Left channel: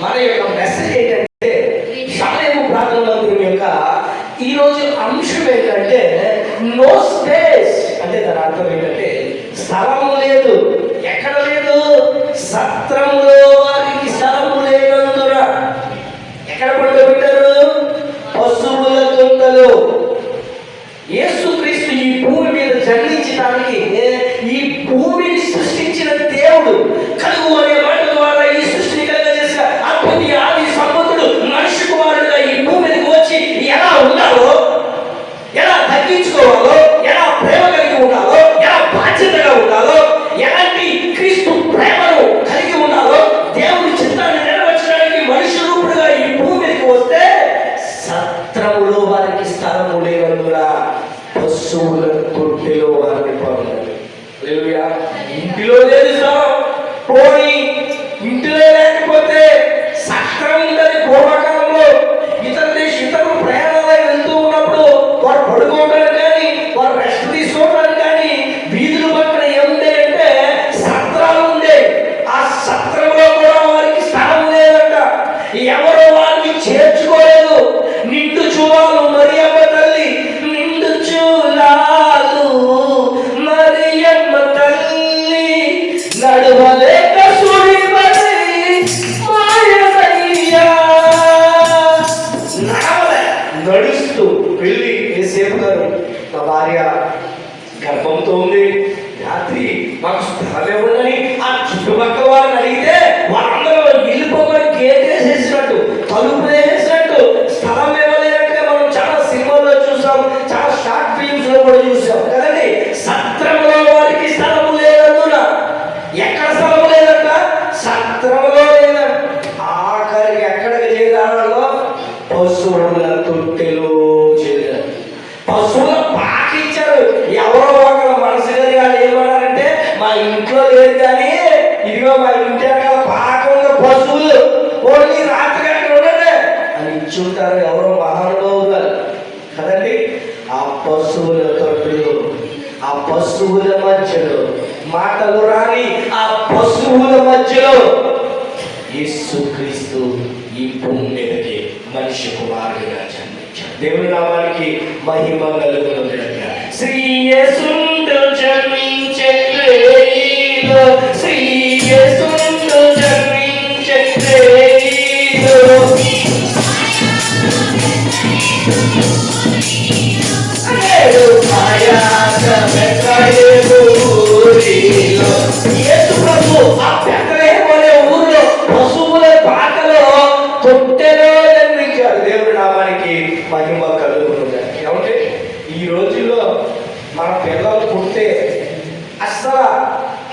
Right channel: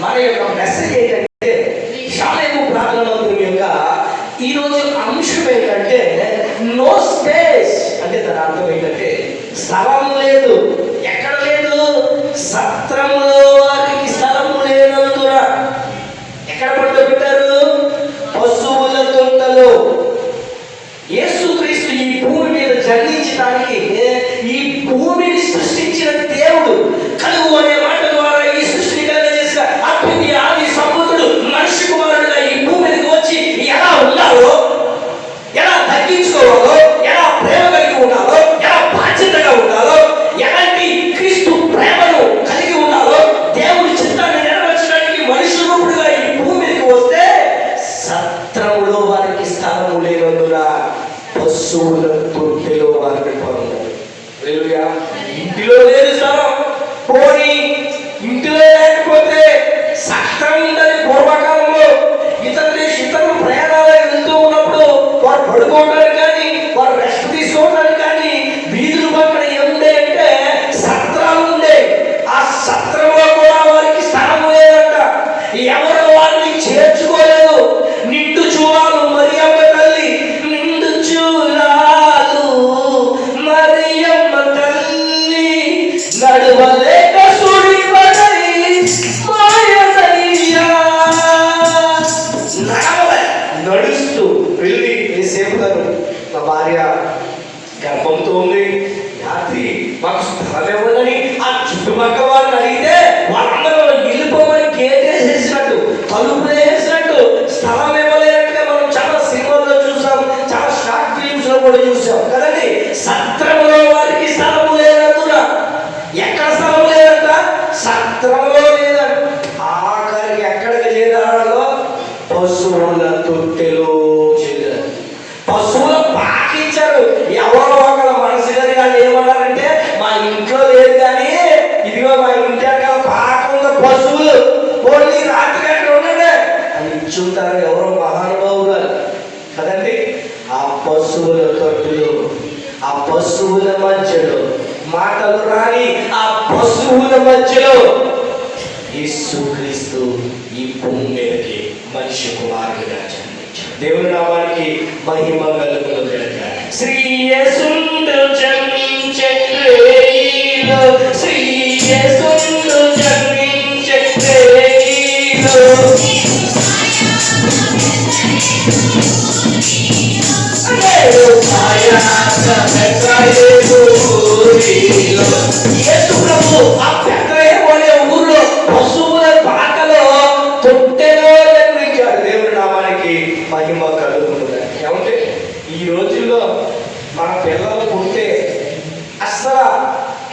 మన యొక్క మెసేజ్ ఏంటంటే సమయము ప్రార్థన మందిరం యొక్క ఈరోజు అంశం ఏంటంటే నో స్పేస్. అంటే దాని అర్థం ఏంటంటే స్థలము లేదు. ఎక్కడ లేదు? సత్రంలో వారికి స్థలము లేనందున ఎక్కడ పడుకోబెట్టారు? పశువుల తొంటలో. యేసుక్రీస్తు ఈ భూమి మీద జన్మించడానికి ఈ భూమిని సృష్టించిన దేవుడు కలుగు అనే మాట ద్వారా ఈ సృష్టిని కలుగజేసిన అప్పుడు ఆది సముద్రుడు మనిషి కుమారుడుగా ఈ భూమి మీదకి వచ్చి ఎలా ఉండాలో, ఎలా తగ్గించుకోవాలో, ఎలా ప్రేమ కలిగి ఉండాలో, ఎలా బాధ్యతగా ఉండాలో, ఎలాంటి క్రీస్తు ప్రేమను కలిగి ఉండాలో దేవుడి చిత్తాన్ని నెరవేర్చడానికి మనిషి రూపుడుగా ఈ భూమి మీదకి వస్తే సత్రములో వారికి స్థలము లేనందున పశువుల తొట్టెలో వారిని పొందారు. ఇంటిలో లేదు స్థలం, పోయి ఇంటిలో లేకపోతే సత్రం ఉందని పూర్వకాలంలో ఇతరులు ప్రయాణాలు వెళ్తూ ఉన్నప్పుడు వారు పడుకోవడానికి కానీ వారు రెస్ట్ తీసుకోవడానికి కానీ వీధుల పక్కన ఏముండే అంటే సత్రాలు ఉండే. ఆ సత్రంలో కూడా వారికి స్థలం లేదంట. ఎవరో వారిని చేర్చుకోలేదు. నిండు చూవాలు మరియమ్మ తల్లి, నిండు చూలాలు మరియమ్మ తల్లి, నడవలేక నడుస్తూ వెళ్ళి ఏసేపు గారు మా భార్య గర్భంతో ఉంది, రాత్రి మాకు స్థలం ఇవ్వదని ఆ చుట్టుపక్కల వారిని అడిగితే వాళ్ళందరూ వెళ్ళిపోమని గేట్ వేసేసినట్టు, తలుపు వేసేసినట్టు, స్థలం ఇవ్వలేనట్టుగా మనం చాలా సినిమాల్లో చూసాం, చాలా షార్ట్ ఫిలిమ్స్ లో కూడా చూసాం కదండి. సత్రంలో వారికి స్థలం లేనందున ఎక్కడ స్థలం లేదంట? సత్రంలో లేదంట. ఆఖరికి ఎక్కడికి చేరాలో పశువుల తొట్టెలో చేరారు. పశువుల పాకించారు. ఎవరో ఒకరు మనసు గారు ఏమన్నారంటే మా ఇంట్లో లేదు కానీ ఇదిగో మా ఇంటి అక్కడ పాకంగా పశువులు కొన్ని రాత్రి అక్కడ ఉన్నదే అని ఇచ్చుంటారు ఎవరో మహానుభావులు గారు కదండి. ఆ పశువుల తొట్టులో, ఆ పశువుల మధ్యలో, మాటలు రాని ఆ పశువుల మధ్యలో యేసుక్రీస్తు ఈ భూమి మీదకి మనిషి కుమారుడిగా జన్మించాడు. దేవుని నామానికి మహిమ కలుగునుగాక. శ్రీ యేసుండు జన్మించే రేయిలో, శ్రీ యేసుండు జన్మించే రేయిలో, యేసు ప్రభు ఆ బెత్లెహేము అనే ఊరిలో పశువుల పాకలో తొట్టెలో జన్మించాడు. దేవుడి నామానికి మహిమ కలుగునుగాక. ఏమంటే ఈ రోజుల్లో మన పిల్లలు పుడితే అస్సలు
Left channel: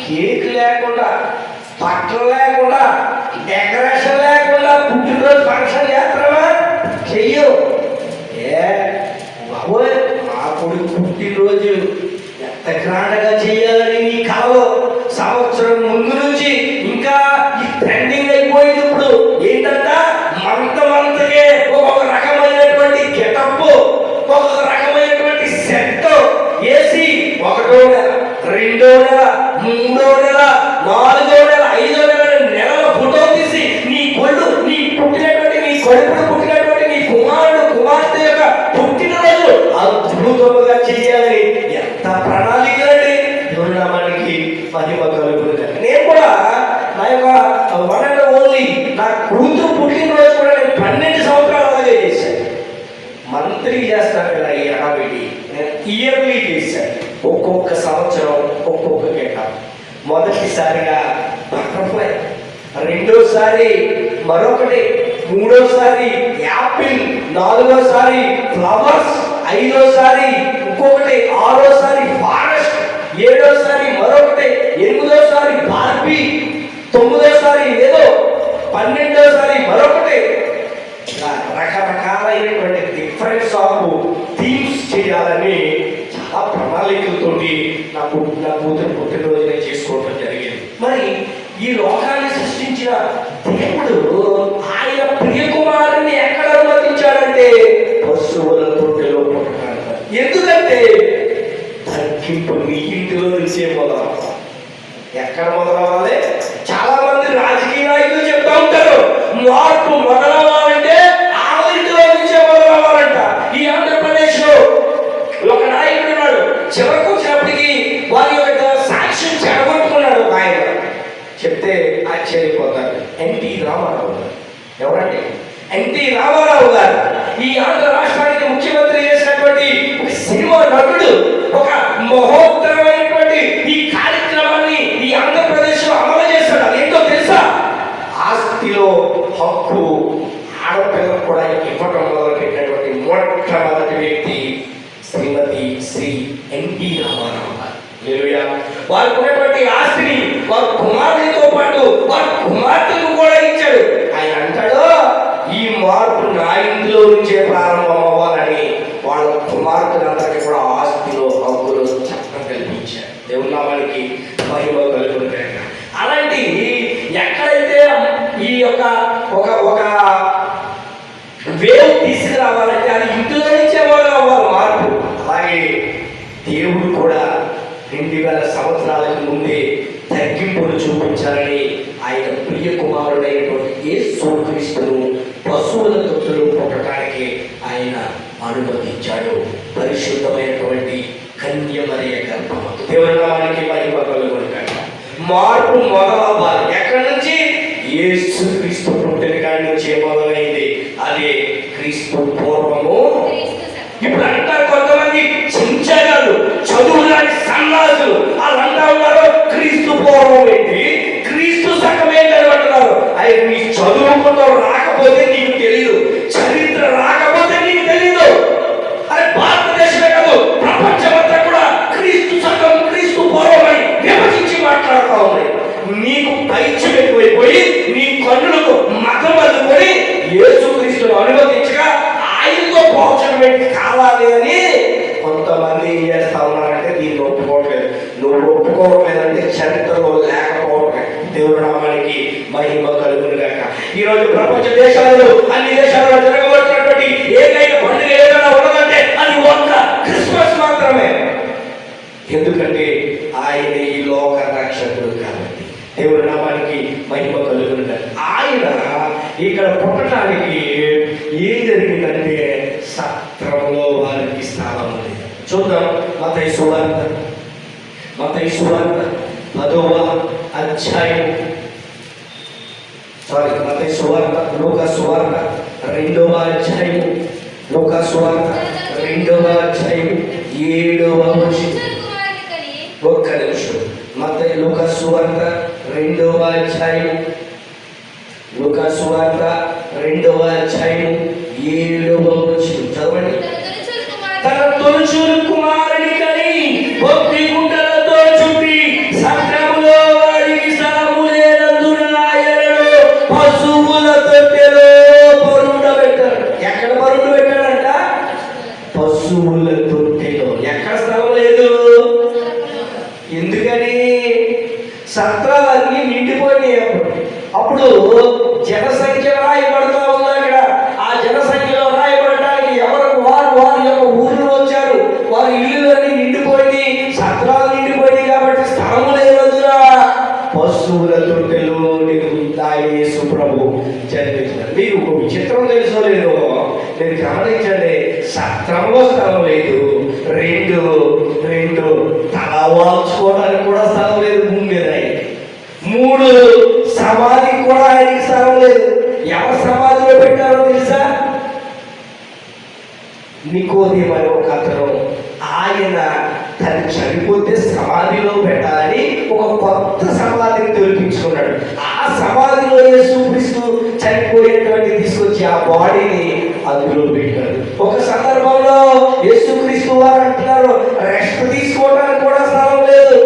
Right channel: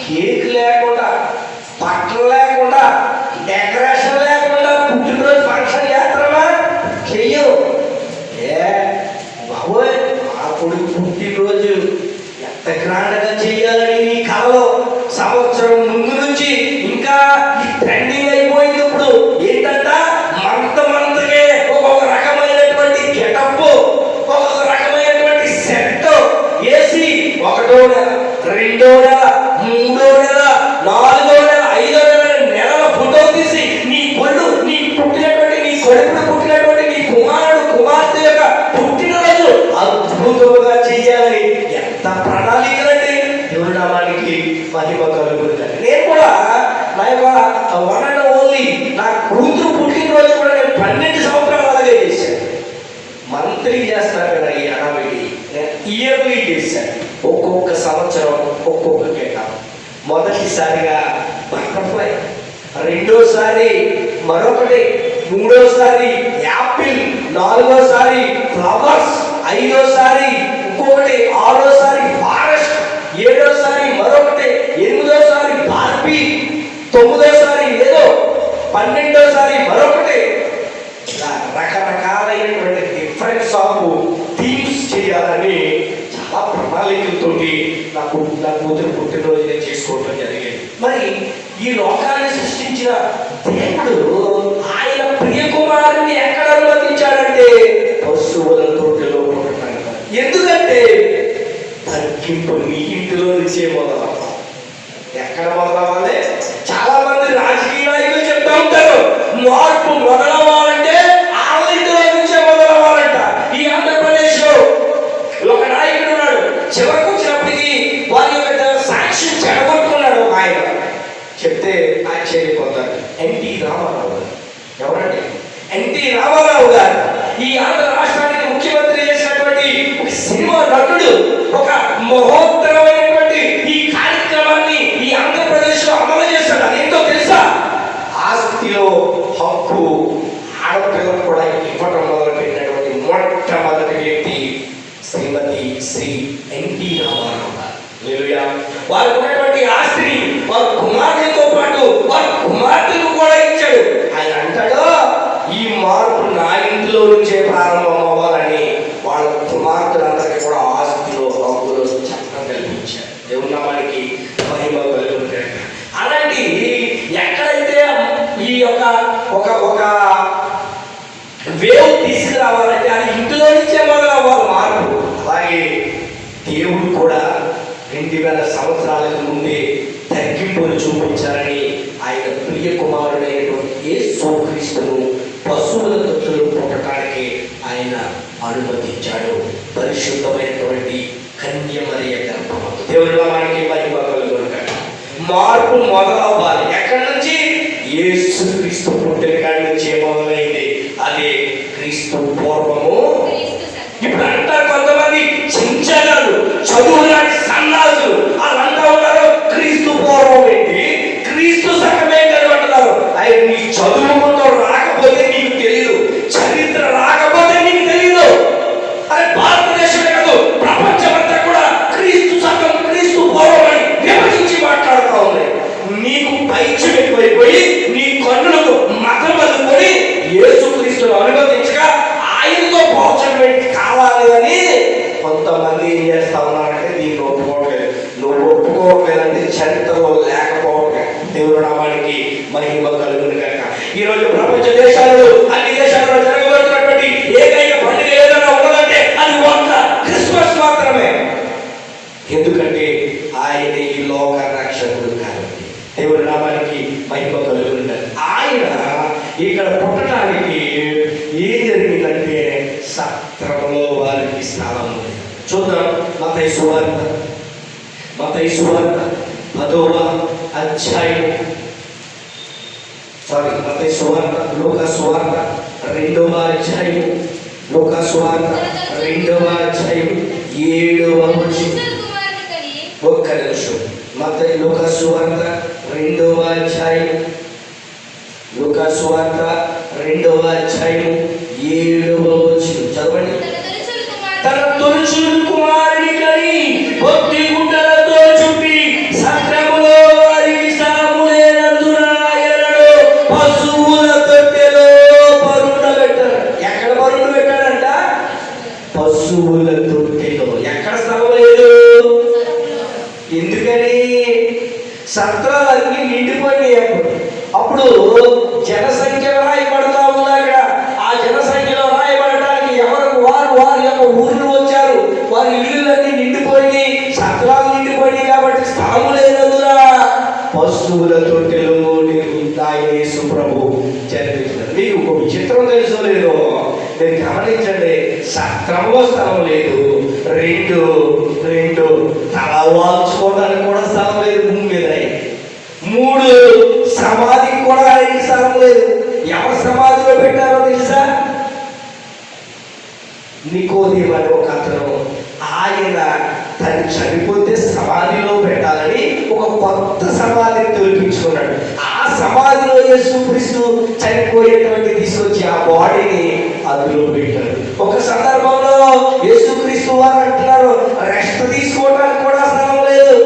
కేక్ లేకుండా, బట్టలు లేకుండా, డెకరేషన్ లేకుండా పుట్టినరోజు ఫంక్షన్ చేస్తామా? చెయ్యరు. బాబోయ్ మా కొడుకు పుట్టినరోజు ఎంత గ్రాండ్గా చెయ్యాలని నీ కళలో సంవత్సరం ముందు నుంచి ఇంకా ఈ ట్రెండింగ్ అయిపోయింది. ఇప్పుడు ఏంటంట మంతకే ఒక్కొక్క రకమైనటువంటి గెటప్, ఒక్కొక్క రకమైనటువంటి సెట్ వేసి 1వ నెల, 2వ నెల, 3వ నెల, 4వ నెల, 5వ నెల ఫోటో తీసి నీ కొడుకు, నీ పుట్టినటువంటి, నీ కొడుకు పుట్టినటువంటి నీ కుమారుడు కుమార్తె యొక్క పుట్టినరోజు అద్భుతంగా చెయ్యాలని ఎంత ప్రణాళికలండి. దేవుడి నామానికి మహిమ కలుగుతుంది. నేను కూడా నా యొక్క వన్ అండ్ ఓన్లీ నా కూతురు పుట్టినరోజు కూడా నేను 12 సంవత్సరాలు అలాగే చేశాను. మంత్లీ చేస్తాను కదా ఈ అడవికి, నేను ఇయర్లీ చేశాను. ఒక్కొక్క సంవత్సరం ఒక్కొక్క కేట. మొదటిసారిగా బటర్ఫ్లై, రెండోసారి మరొకటి, మూడోసారి యాపిల్, 4వసారి ఫ్లవర్స్, 5వసారి ఇంకొకటి, 6వసారి ఫారెస్ట్, 7వసారి మరొకటి, 8వసారి బార్బీ, 9వసారి ఏదో, 12వసారి మరొకటి. రకరకాలైనటువంటి డిఫరెన్స్ ఆఫ్ థీమ్స్ చేయాలని చాలా ప్రణాళికలతోటి నా కూతురు పుట్టినరోజు నేను చేసుకోవడం జరిగింది. మరి ఈ లోకాన్ని సృష్టించిన దేవుడు ఆయన ప్రియకుమారుని ఎక్కడ అనుమతించాడంటే పశువుల తొట్టెలో పుట్టడానికి. ఎందుకంటే తగ్గింపు నీ ఇంటిలో నుంచే మొదలవ్వాలి. ఎక్కడ మొదలవ్వాలి? చాలా మంది రాజకీయ నాయకులు రామారావు గారు. ఎవరండి? ఎన్టీ రామారావు గారు. ఈ ఆంధ్ర రాష్ట్రానికి ముఖ్యమంత్రి చేసినటువంటి ఒక సినిమా నటుడు ఒక మహోత్తరమైనటువంటి ఈ కార్యక్రమాన్ని ఈ ఆంధ్రప్రదేశ్ లో అమలు చేస్తాడు. అదేంటో తెలుసా? ఆస్తిలో హక్కు ఆడపిల్లలు కూడా ఇవ్వడం మొదలుపెట్టినటువంటి మొట్టమొదటి వ్యక్తి శ్రీమతి శ్రీ ఎన్టీ రామారావు గారు. వారికి ఉన్నటువంటి ఆస్తిని వారి కుమారులతో పాటు వారి కుమార్తెలు కూడా ఇచ్చాడు. ఆయన అంటాడు, ఈ మార్పు నా ఇంట్లో నుంచే ప్రారంభం అవ్వాలని వాళ్ళ కుమార్తెలందరికీ కూడా ఆస్తిలో హక్కులు చట్టం కల్పించాడు. దేవుని నామానికి మహిమ కలుగును. అలాంటి ఎక్కడైతే ఈ యొక్క ఒక ఒక వేవ్ తీసుకురావాలంటే అది ఇంట్లో నుంచే మొదలవ్వాలి మార్పు. అలాగే దేవుడు కూడా 2000 సంవత్సరాలకు ముందే తగ్గింపును చూపించాలని ఆయన ప్రియ కుమారుడైనటువంటి యేసుక్రీస్తును పశువుల తొట్టులు పుట్టడానికి ఆయన అనుమతించాడు. పరిశుద్ధమైనటువంటి కన్య మరియ గర్భము. దేవుని నామానికి మహిమ కలుగును. మార్పు మొదలవ్వాలి. ఎక్కడి నుంచి? యేసుక్రీస్తు పుట్టిన కాడి నుంచి మొదలైంది. అదే క్రీస్తు పూర్వము. ఇప్పుడు అంటారు కొంతమంది చించగాళ్ళు, చదువులాంటి సన్నాసులు వాళ్ళు అంటా ఉన్నారు క్రీస్తు పూర్వం ఏంటి, క్రీస్తు సగం ఏంటని అంటున్నారు. ఆయన నీ చదువుకుంటూ రాకపోతే నీకు తెలియదు, చరిత్ర రాకపోతే నీకు తెలియదు. అదే భారతదేశమే కాదు ప్రపంచమంతా కూడా క్రీస్తు సగం క్రీస్తు పూర్వం అని విభజించి మాట్లాడుతూ ఉన్నాయి. నీకు పైచి ఎక్కువైపోయి నీ కన్నులకు మతం అందుకొని యేసుక్రీస్తును అనుమతించగా ఆయనతో పోల్చడం కావాలి అని కొంతమంది ఏం చేస్తా ఉన్నారంటే దీన్ని ఒప్పుకోవట్లేదు. నువ్వు ఒప్పుకోవట్లేదంటే చరిత్రలో లేకపోవట్లేదు. దేవుని నామానికి మహిమ కలుగును గాక. ఈరోజు ప్రపంచ దేశాల్లో అన్ని దేశాల్లో జరగబడుతున్నటువంటి ఏకైక పండుగ ఏదైనా ఉన్నదంటే అది ఒక్క క్రిస్మస్ మాత్రమే. ఎందుకంటే ఆయన ఈ లోక రక్షకుడు కాబట్టి. దేవుని నామానికి మహిమ కలుగును గాక. ఆయన ఇక్కడ పుట్టడానికి ఏం జరిగిందంటే సత్రంలో వారికి స్థానం ఉంది. చూద్దాం మత్తయి సువార్త 10వ అధ్యాయం, మత్తయి సువార్త, లూకా సువార్త 2వ అధ్యాయం, లూకా సువార్త 2వ అధ్యాయం 7వ వచనం. ఒక్క నిమిషం. మత్తయి లూకా సువార్త 2వ అధ్యాయం, లూకా సువార్త 2వ అధ్యాయం 7వ వచనం చదవండి. తన తొలిచూలు కుమారుని కని భక్తి గుండెలతో చుట్టి సత్రములో వారికి స్థలము లేనందున ఆయనను పశువుల తొట్టెలో పరుండబెట్టారు. ఎక్కడ పరుండబెట్టాడంట? పశువుల తొట్టెలో. ఎక్కడ స్థలం లేదు. ఎందుకని? సత్రాలన్నీ నిండిపోయినాయి. అప్పుడు జనసంఖ్య రాయబడతా ఉంది అక్కడ. ఆ జనసంఖ్యలో రాయబడటానికి ఎవరు వారి యొక్క ఊరిలో వచ్చారు. వారి ఇళ్ళన్నీ నిండిపోయి సత్రాలు నిండిపోయినాయి కాబట్టి స్థలం లేనందున పశువుల తొట్టెలో యేసు ప్రభు జన్మించారు. మీకు ఒక విచిత్రం తెలుసో లేదో నేను గమనించండి. సత్రంలో స్థలం లేదు. రెండు తల వాల్చుకోవడానికి కూడా స్థలం లేదు భూమి మీద. 3 సమాధికి కూడా ఆయనకి స్థలం లేదు. ఎవరు సమాధిలో పెట్టారో తెలుసా? నికోదేము అనే ఒక అతను ఆయన తను చనిపోతే సమాధిలో పెట్టాలని ఒక కొత్త సమాధిని తొలగించుకున్నాడు. ఆ సమాధిలో యేసుక్రీస్తు చనిపోయేటువంటి తీసుకొచ్చి ఆ బాడీని అందులో పెట్టాడు. ఒక సందర్భంలో యేసుక్రీస్తు వారు అంటున్నారు రెస్ట్ తీసుకోవడానికి కూడా స్థలం లేదు.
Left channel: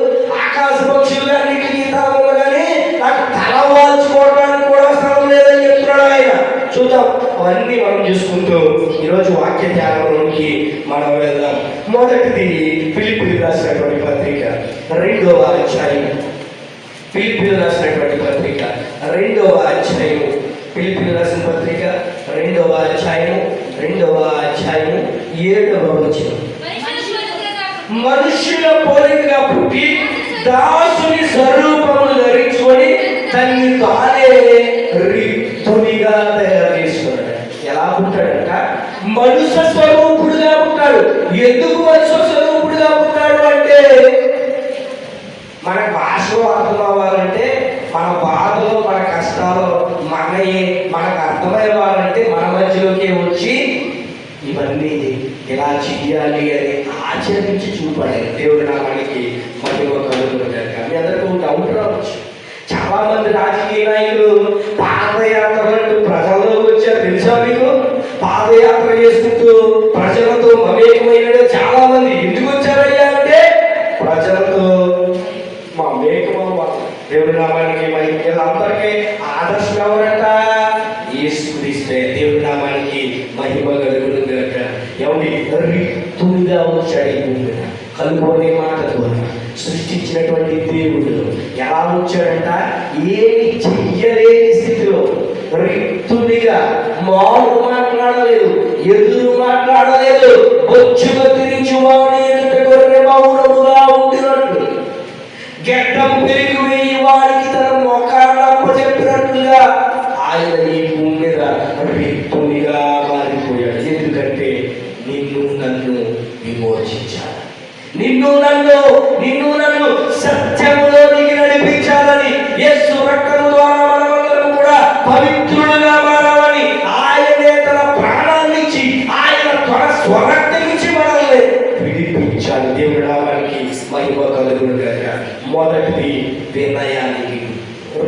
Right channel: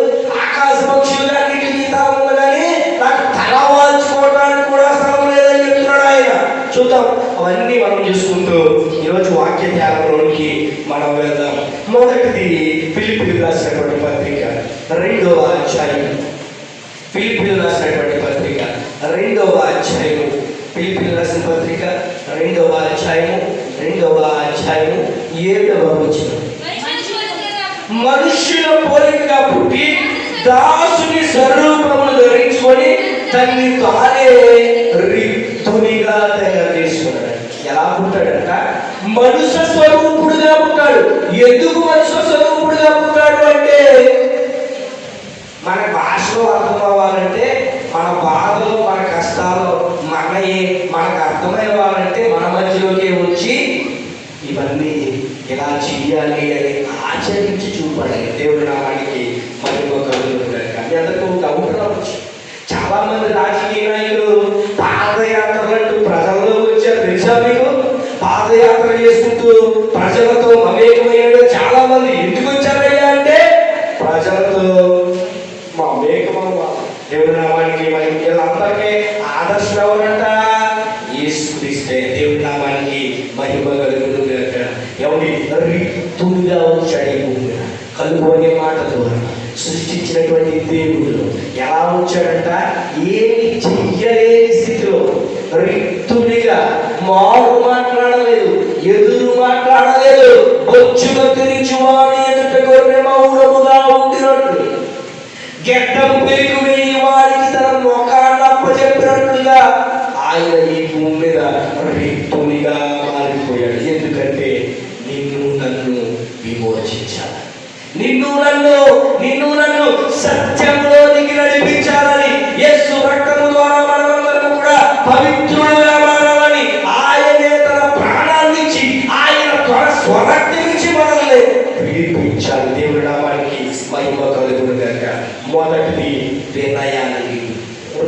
ఆకాశ పక్షులు అన్నిటికీ స్థలం కానీ నాకు తల వాల్చుకోవడానికి కూడా స్థలం లేదని చెప్తున్నాడు ఆయన. చూద్దాం అవన్నీ మనం చూసుకుంటూ ఈరోజు వాక్య ధ్యానంలోనికి మనం వెళ్దాం. మొదటిది ఫిలిప్పీయులకు రాసినటువంటి పత్రిక 2వ అధ్యాయం. ఫిలిప్పీయులకు రాసినటువంటి పత్రిక 2వ అధ్యాయం. ఫిలిప్పీయులకు రాసిన పత్రిక 2వ అధ్యాయం 7వ వచనం. మనుష్యుల పోలికగా పుట్టి దాసుని స్వరూపమును ధరించుకొని తన్ని తానే రిక్తునిగా తయారు చేసుకున్నాడు. ఎలా పుట్టాడంట? మనుష్య స్వరూపుడుగా పుట్టాడు. ఎందుకు మనుష్య స్వరూపుడుగా పుట్టాడు అంటే మన భాషలో అర్థం అవ్వాలంటే మన బాధలు మన కష్టాలు మన మనకు అర్థమయ్యాలంటే మన మధ్యలోకి వచ్చి ఇవన్నీ ఇలా చెయ్యాలి అని ఆచరించి చూపాలి. దేవుడి నామానికి మహిమ కలుగుతుంది. కానీ అందరికీ డౌట్ రావచ్చు. చాలా మంది రాజకీయ నాయకులు పాదయాత్రలంటూ ప్రజల్లోకి వచ్చారు. తెలుసా మీకు? పాదయాత్ర చేసుకుంటూ ప్రజలతో మమేకమైన చాలా మంది ఎందుకు వచ్చారయ్యా అంటే ప్రజలతో మమేకం. దేవుడి నామానికి వీళ్ళందరికీ ఆదర్శం ఎవరంట? యేసుక్రీస్తే. దేవుడి నామానికి మహిమ కలుగుతుంది. ఎవరి రిక్తుడిగా వచ్చాడు ఈ భూమి మీద. కలుపుకునే మాట ద్వారా సృష్టించినటువంటి దేవుడు ఎలా వచ్చాడంట? ఏమి చెయ్యలేని స్థితిలో రిక్తుడిగా, మారు మాట్లాడలేదు, ఎదురు మాట్లాడలేదు, బొచ్చుగా తిరిగి వాడి ఎదుట గొర్రె మౌనముగా ఉండినట్లు, గెడ్డం పెరుగు వేయి వాడికి తన మొఖాన్ని అప్పచెప్పినట్లుగా ఆయన ఈ భూమి మీద రిక్తుడిగా మారిపోయాడు. ఎందుకంటే నిన్ను నన్ను విమోచించాలి, నిన్ను నన్ను సత్యంలోనికి నడిపించాలని, యేసు రక్తము ద్వారా మనమందరం కూడా పవిత్రులుగా మారాలని ఆయనే తన ప్రాణాన్ని ఇచ్చి ఆయన స్వరక్తం నుంచి మనల్ని విడిపించాలి. దేవుడి నామానికి మహిమ కలుగునుగాక. మొదటిది వినయానికి.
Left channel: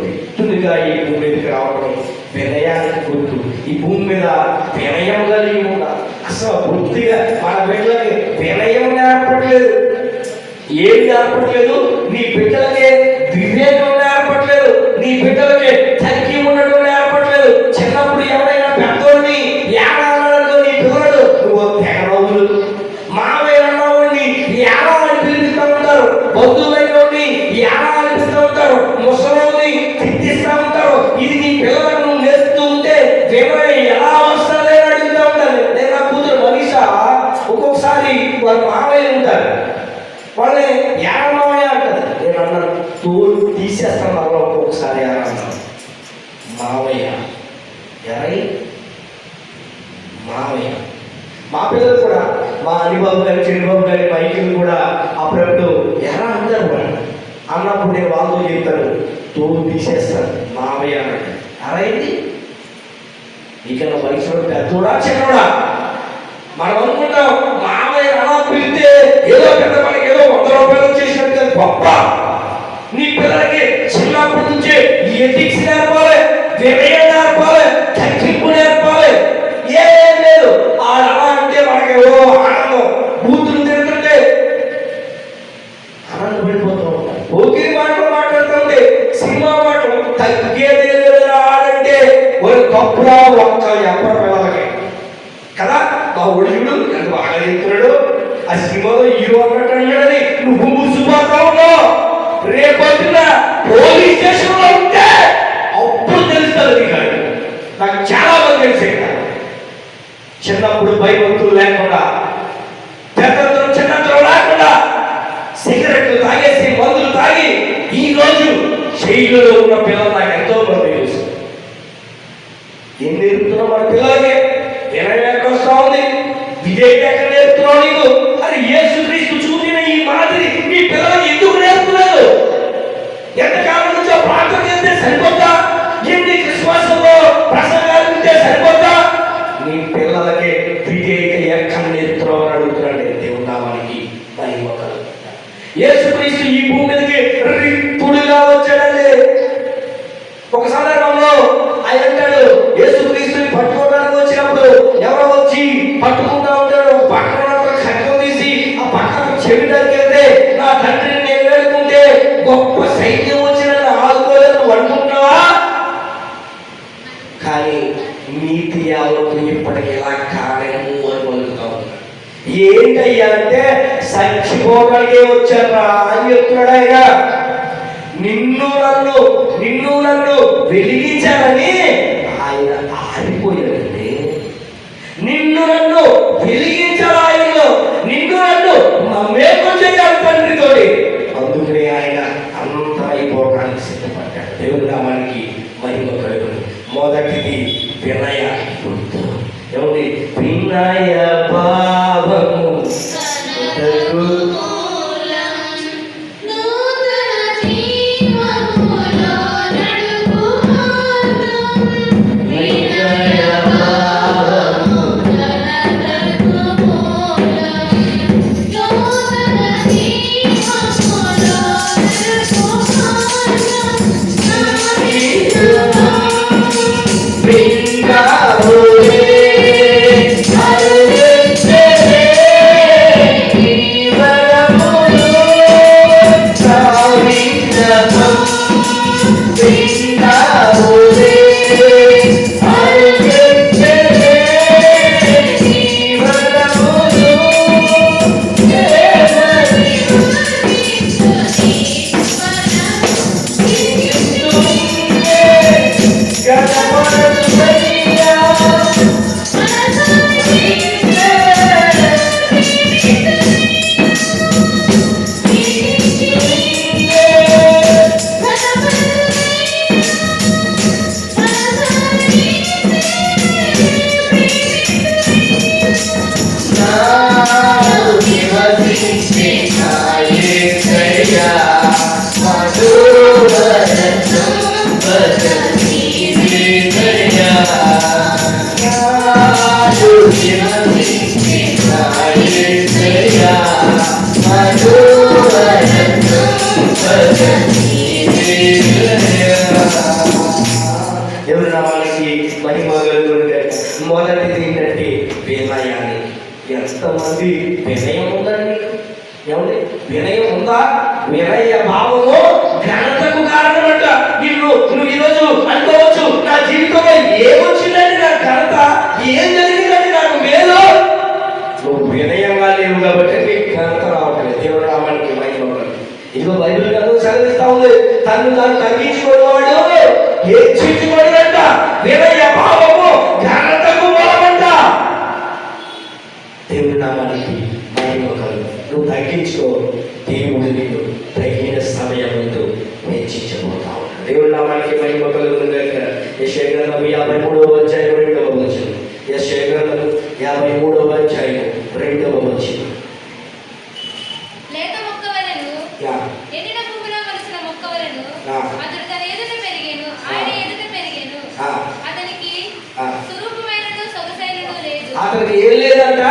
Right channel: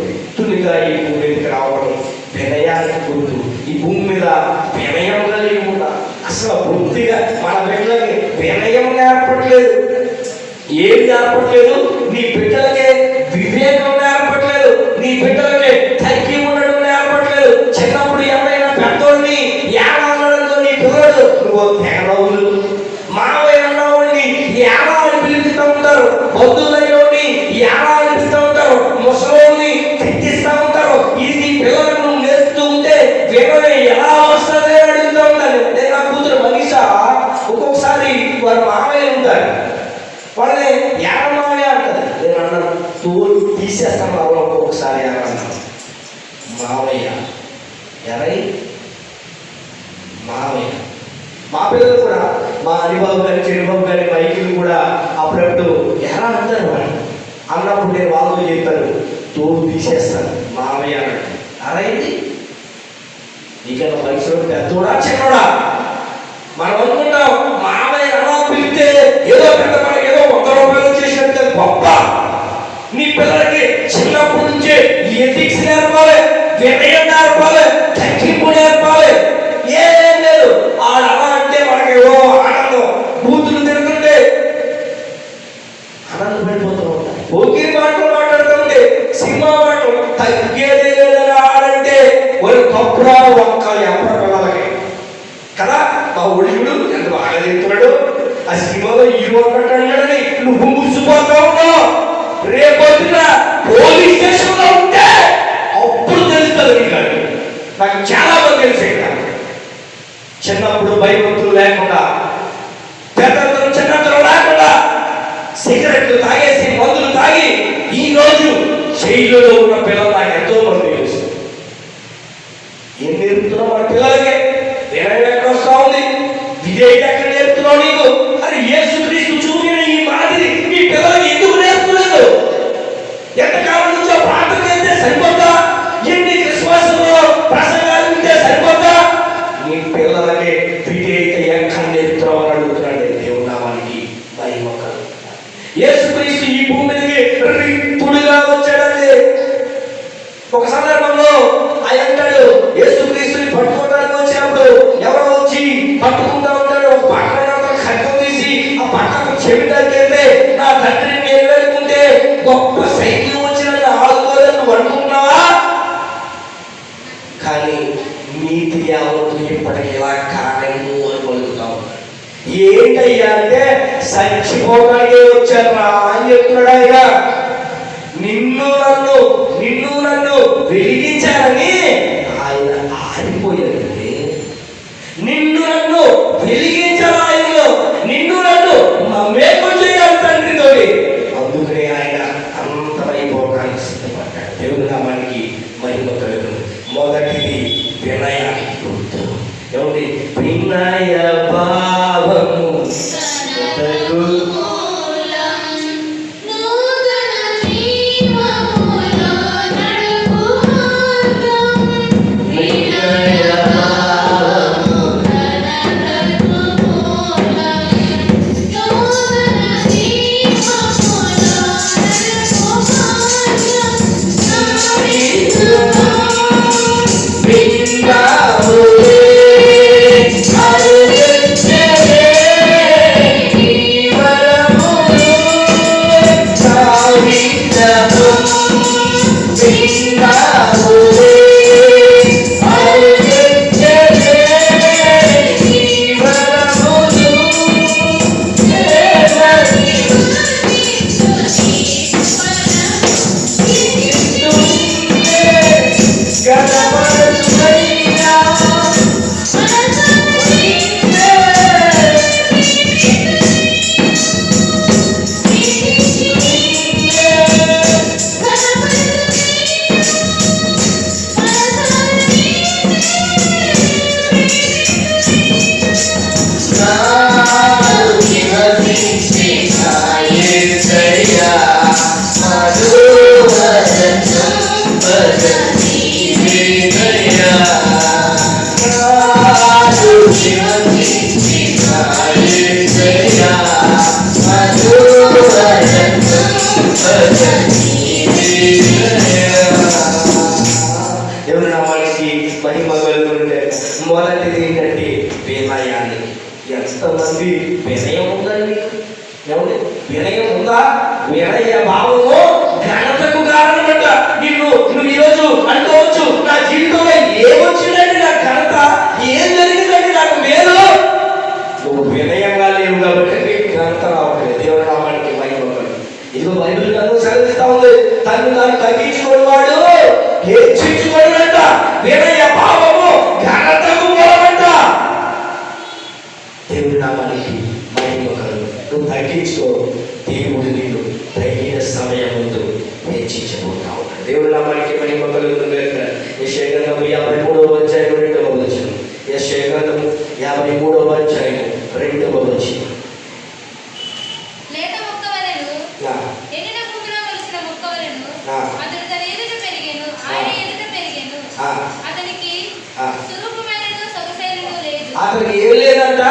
వ్యక్తులుగా ఈ భూమి మీదకి రావడం వినయానికి గుర్తు. ఈ భూమి మీద వినయం కలిగి ఉండాలి. అసలు వృత్తిగా మన బిడ్డలకి వినయం నేర్పట్లేదు. ఏం నేర్పట్లేదు? నీ బిడ్డలకి వివేకం నేర్పట్లేదు. నీ బిడ్డలకి తగ్గి ఉండడం నేర్పట్లేదు. చిన్నప్పుడు ఎవరైనా పెద్దోడిని ఏడాలతో నీ పిల్లలు నువ్వు తెగడవులు, మావయ్యని ఏడాలని పిలుస్తూ ఉంటారు, బంధువులైనోడిని ఏడాలని పిలుస్తూ ఉంటారు, ముసలోని తిట్టిస్తూ ఉంటారు. ఇది నీ పిల్లలకు నువ్వు నేర్పుతూ ఉంటే వినయం ఎలా వస్తుంది అని అడుగుతూ ఉంటాను. నేను నా కూతురు మనీషా ఒక్కొక్కసారి వారు మావయ్య ఉంటారు, వాళ్ళని ఏడమావయ్య అంటారు. నేను అన్నాను తోడు తీసేస్తాను వాళ్ళు ఒక్కొక్కసారి ఏమన్నాను మావయ్య ఎరై మావయ్య. మా పిల్లలు కూడా మా అనిబాబు గారి చిరుబాబు గారి మైకిలు కూడా అప్పుడప్పుడు ఎలా అంటారు వాళ్ళు అన్నప్పుడు నేను వాళ్ళు చెప్తాను తోడు తీసేస్తాను మావయ్య అంటారు. అరైంది ఇక్కడ వయసులో పెద్దోడా చిన్నోడా? మనం అనుకుంటాం మావయ్య అలా పిలిస్తే ఏదో పెద్ద పని, ఏదో 100 రూపాయలు చేసినట్టు గొప్ప. నీ పిల్లలకి చిన్నప్పటి నుంచే ఎథిక్స్ నేర్పాలి, వినయం నేర్పాలి, తగ్గింపు నేర్పాలి. ఏం లేదు అలా అంటే మనకి ఆనందం. బూతులు తిరుగుతుంటే ఆనందపడిపోతూ ఉంటాం. ఓకే మాటలు మాట్లాడుతూ ఉంటే సినిమా మాటలు తగ్గేది లేదని ఆడంటే ఒక కప్పుడా ఒక్క ఎవరి పిల్లలకి కదా. మా ఒడిగుడు ఎంత బాగా చెప్తున్నాడు. ఆ సినిమాలో హీరో అన్నట్టు నువ్వు మురిసిపోతా ఉన్నావు. రేపొద్దున పోలీస్ స్టేషన్లో ఉంటే అప్పుడు తెలుస్తుంది నీకు. నాకు చాలా మంది తెలిసే చిన్నప్పుడు భయభక్తులు లేకుండా, పెద్దలు చిన్నతనం లేకుండా సిగరెట్లు తాగేసి మందులు తాగి ఈ రోజు జైలులో ఉన్న పిల్లలు నాకు ఎంతో మంది తెలుసు. ఏం నేర్పుతున్నావు మన పిల్లలకి? వినయం ఎక్కడ వస్తా ఉంది? విజయ్ ఎక్కడ నేర్పుతున్నావు నీకు? అని యేసుక్రీస్తు చూపిన ఈ మాదిరి మీ పిల్లలకి ఎందుకు నేర్పుతున్నాడు? ఎంతకాలం నుంచో ప్రార్థన చేస్తే సరిపోతా? ఎన్ని క్రిస్మస్లో ప్రసంగాలు ఉంటే సరిపోతా? మీ పిల్లలకి విజయ్ ఎక్కడ నేర్పుతున్నావు అని అడుగుతున్నాడు. దేవుడి నామానికి మహిమ కలుగుతుంది. యేసుక్రీస్తు ఈ భూమి మీదకి రిక్తుడిగా వచ్చాడండి. ఒక సందర్భంలో ఆయన అంటాడు యేసుక్రీస్తుని పట్టుకోవడానికి వచ్చినప్పుడు ఎవరో వచ్చి పట్టుకుంటా ఉంటాడు. పట్టణంలో ఖడ్గం తీసి ఆ పట్టణం చెవి దగ్గరే నా తండ్రిని నేను వేడుకుంటే గొప్ప సైన్యం వచ్చిన ఆదుకోలేదు అనుకున్నావా? కానీ నీతి ఎవరు ఇప్పటికి ఇలా కాలేము అని పలుకుతావు. ఏంటయ్యా అంటే చచ్చిపోవడానికే వచ్చారా అని చెప్తున్నాడు ఆయన. నిన్ను నన్ను వెలిగించాలని ఆయన ఆరిపోయాడంటే, నిన్ను నన్ను వెలిగించాలి ఆయనలో, నిన్ను నన్ను మమేకం చేయాలి తండ్రితోటి. అందుకనే ఆయన అంతమైపోవడానికి సిద్ధపడ్డాడు. దేవుడి నామానికి మహిమ కలుగుతుంది. మొదటిది వినయానికి గుర్తు. ఏమిటి? వినయ భావము మహిమ కలుగునుగాక. మొదటిది ఏంటంటే వినయాన్ని. ఎంతమంది వినయం ఉందండి? ఏమండి వినయం ఉందా? వినయ భావము ఘనతకు కారణమంట. నువ్వు ఈరోజు అనుకోవచ్చు, నా జీవితంలో ఏమొచ్చిందండి, నా ఘనత ఏం జరిగిందండి, నాకు మేలు. నువ్వు వినయంగా లేవు కాబట్టి నీకు ఘనత రావట్లేదు. దేవుడి నామానికి మహిమ. ఇదిగో బైబిల్ కాదు సెలవిస్తా ఉంది, తను తాను తగ్గించుకునేవాడు హెచ్చించుకోడంట. వినయ భావము ఘనతకు బలమంట. దేవుడి నామానికి మహిమ కలుగు. నువ్వు తగ్గించుకో, దేవుడు నిన్ను తగిన సమయం ముందు హెచ్చించబోతావు. దేవుడి నామానికి మహిమ కలుగుతుంది. యెషయా గ్రంథము 53వ అధ్యాయం 2వ వచనం. యెషయా గ్రంథము 53వ అధ్యాయం 2వ వచనం. అతనికి ఏం లేదంట,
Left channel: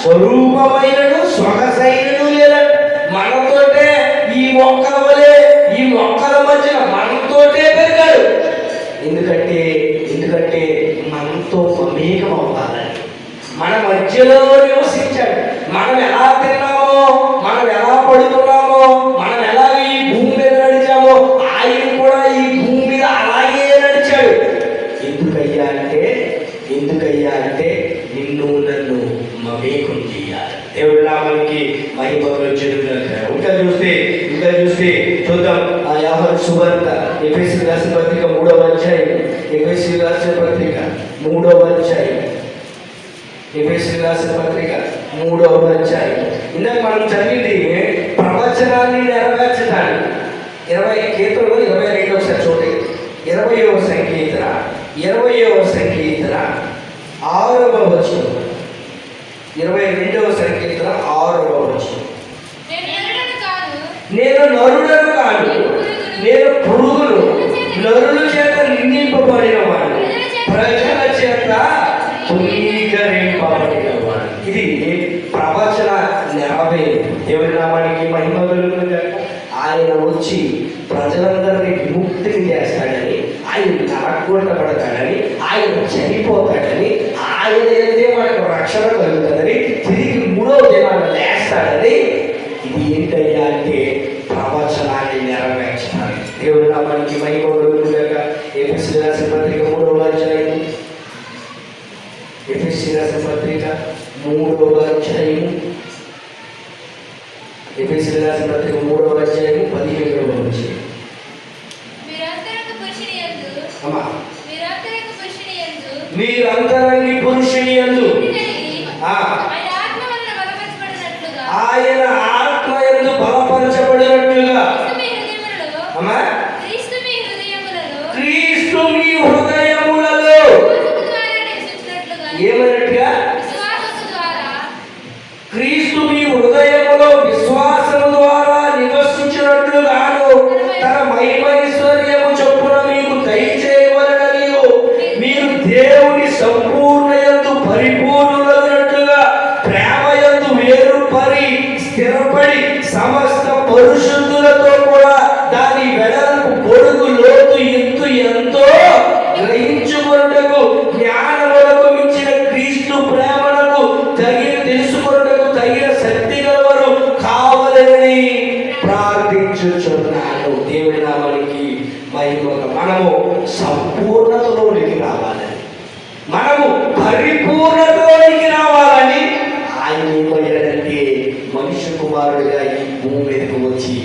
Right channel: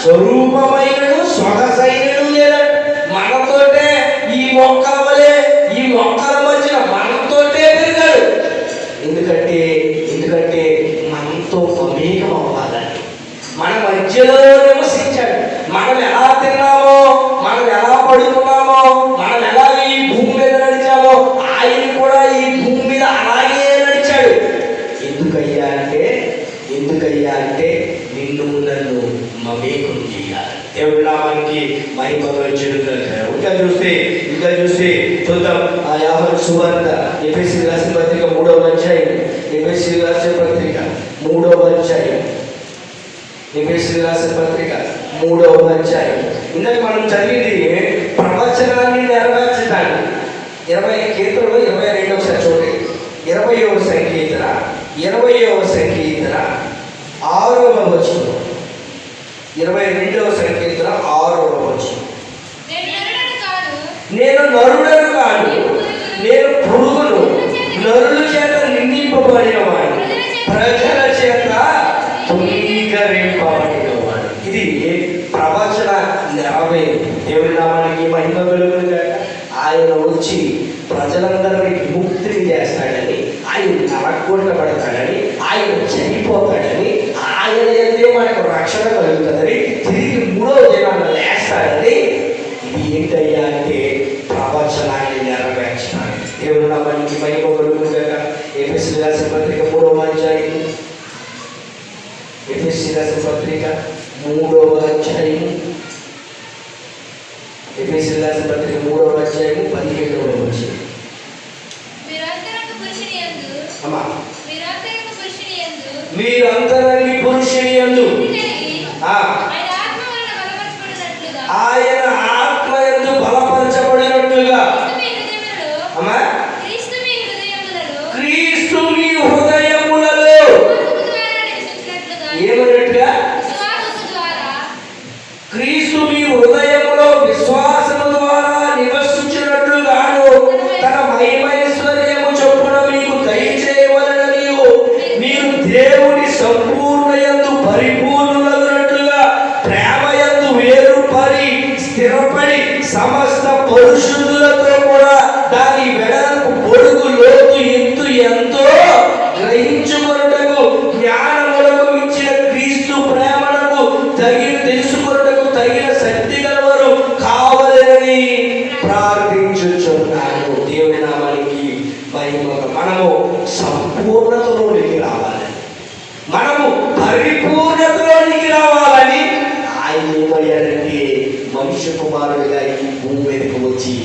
స్వరూపమైనను సొగసైనను లేదంట. మనతోటే ఈ మొక్కల వలె, ఈ మొక్కల మధ్య మనతోటే పెరిగాడు. ఎందుకంటే మనతో మమేకం అవ్వాలని, మన మధ్యలో నివసించాడు. మనం ఎలా తిన్నామో, మనం ఎలా పడుకున్నామో, మనం ఎలా ఈ భూమి మీద నడిచామో, ఆయన కూడా ఈ భూమి మీద అలాగే నడిచాడు. ఎందుకయ్యా అంటే నిన్ను నన్ను మమేకం చేయాలి. దేవుడి నామానికి మహిమ కలుగునుగాక. ఇంకా చూస్తే చూద్దాం. యోహాను సువార్త ఎఫెసీయులకు రాసిన పత్రిక 3వ అధ్యాయం. ఎఫెసీయులకు రాసిన పత్రిక 3వ అధ్యాయం. ఎఫెసీయులకు రాసిన పత్రిక 3వ అధ్యాయం. ఇందాక మనం చదివింది ప్రవచనాన్ని నెరవేర్చడానికి. 20 కీర్తనలు 22వ చూడండి. 20వ సంకీర్తన 6వ వచనం. 22వ సంకీర్తన 6వ వచనం. నేను నరుడను కాదు, నేను పురుగును, నరుల చేత నిందింపబడిన వాడు, ప్రజల చేత తృణీకరింపబడిన వాడు. ఇది ప్రవచన నెరవేరు. దేవుడి నామానికి మహిమ కలుగునుగాక. ఆయన వచ్చి ప్రజలందరినీ విముక్తిని చేస్తాడని, ఆయన నరకొట్టబడతాడని, ఆయన చనిపోతాడని, ఆయన అయితే మనకు రక్షణ కలుగుతుందని, తిరిగి 3వ దినాన లేస్తాడని. ఇది ఏంటయ్యా అంటే ప్రవచనాన్ని నెరవేర్చడానికి. దేవుడి నామానికి మహిమ కలుగునుగాక. ఎఫెసీయులకు రాసిన పత్రిక 3వ అధ్యాయం. ఎఫెసీయులకు రాసిన పత్రిక 3వ అధ్యాయం. ఎఫెసీయులకు రాసిన పత్రిక 3వ అధ్యాయం 17వ వచనం. మీరు అంతరంగి పురుషుని యందు ఆయన ఆత్మ యందు బలపరచబడినట్లుగా క్రీస్తు మీ హృదయములలో ఏమైనట్టుగా, క్రీస్తు మీ హృదయములో విశ్వాసము ద్వారా నివసించినట్లుగాను తన మహిమైశ్వర్యము చొప్పున మీకు దయచేయవలెననియు మీరు దేవుని సంపూర్ణయందు పరిపూర్ణులగునట్లుగా ప్రేమయందు వేరుపడి స్థిరపడి సమస్త పరిశుద్ధులతో కూడా దాని వెడల్పు పొడుగు లోతు ఎత్తు ఎంతో గ్రహించుకొనుటకు జ్ఞానములకు మించిన క్రీస్తు ప్రేమలకు తెలుసుకొనుటకు తగిన శక్తి గలవారు కావాలని ప్రార్థించుచున్నాను. దేవుడి నామానికి మహిమ. మనము సంపూర్ణతలోనికి రావాలి, మనము పరిపూర్ణతలోనికి రావాలని ఆయన ఏమయ్యాడంటే మనుష్య కుమారుడిగా ఈ భూమి మీదకి వచ్చి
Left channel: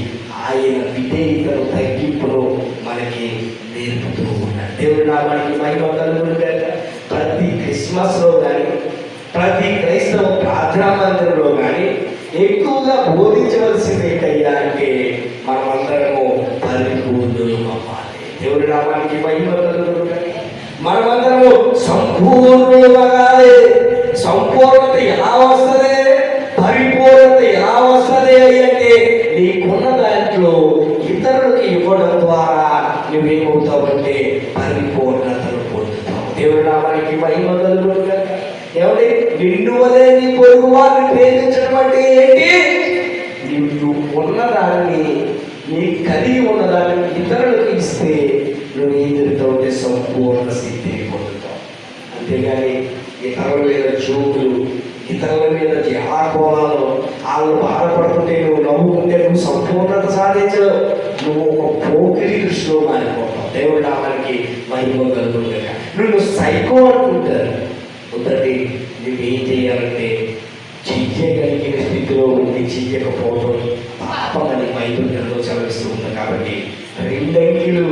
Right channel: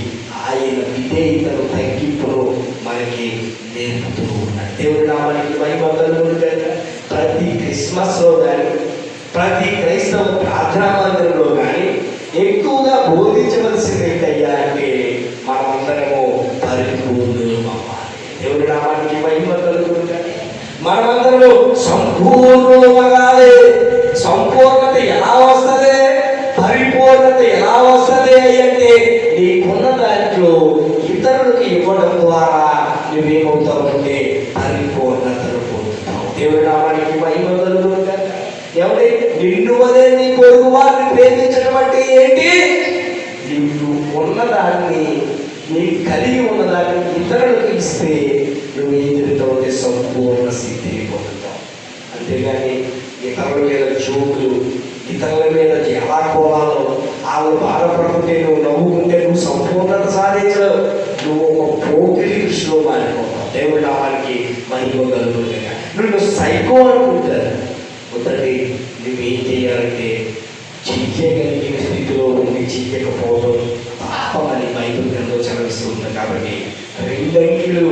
ఆయన విధేయతను తగ్గింపును మనకి నేర్పుతూ ఉన్నాడు. దేవుడి నామానికి మహిమ కలుగునుగాక. ప్రతి క్రిస్మస్లో కానీ, ప్రతి క్రైస్తవ ప్రార్థనా మందిరంలో కానీ ఎక్కువగా బోధించవలసింది ఏంటయ్యా అంటే మనమందరము పరిపూర్ణులు అవ్వాలి. దేవుడి నామానికి మహిమ కలుగునుగాక. మనమందరము సంపూర్ణులు అవ్వాలి. సంపూర్ణత ఎలా వస్తుంది, పరిపూర్ణత ఎలా వస్తుంది అంటే నీకున్న దాంట్లో ఇతరులకు ఇవ్వడం ద్వారా నువ్వేమవుతావంటే పరిపూర్ణతను పొందుతావు. దేవుడి నామానికి మహిమ కలుగునుగాక. ఎవరి నిన్ను వదే నీ పొరుగు వారిని ప్రేమించడం అంటే ఏంటి? నిన్ను ఉన్నదాన్ని, నీ కలిగి ఉన్నదాన్ని ఇతరులకు ఇస్తే నువ్వు ఎదురుతో సంపూర్ణ సిద్ధిని పొందుతావు. అంతేగాని ఇతరుల మీద జోకులు, ఇతరుల మీద జలాకోలాలు, వాళ్ళు బాధపడుతుంటే నువ్వు నవ్వుకుంటే నువ్వు సంపూర్ణత సాధించవు. నువ్వు ఒక పోకిరి దృష్టిలో మారిపోతావు. దేవుడు నామానికి మహిమ కలుగుతుందిగా. నువ్వు సైకో అనుకుంటారు. ఒకటి నువ్వేం చేయాలంటే చెయ్యగలిగిన స్థితిలో ఉండి చెయ్యకపోవడం తప్పని బైబిల్ గ్రంథం చదివిస్తూ ఉంది. కాబట్టి రెండంగిలు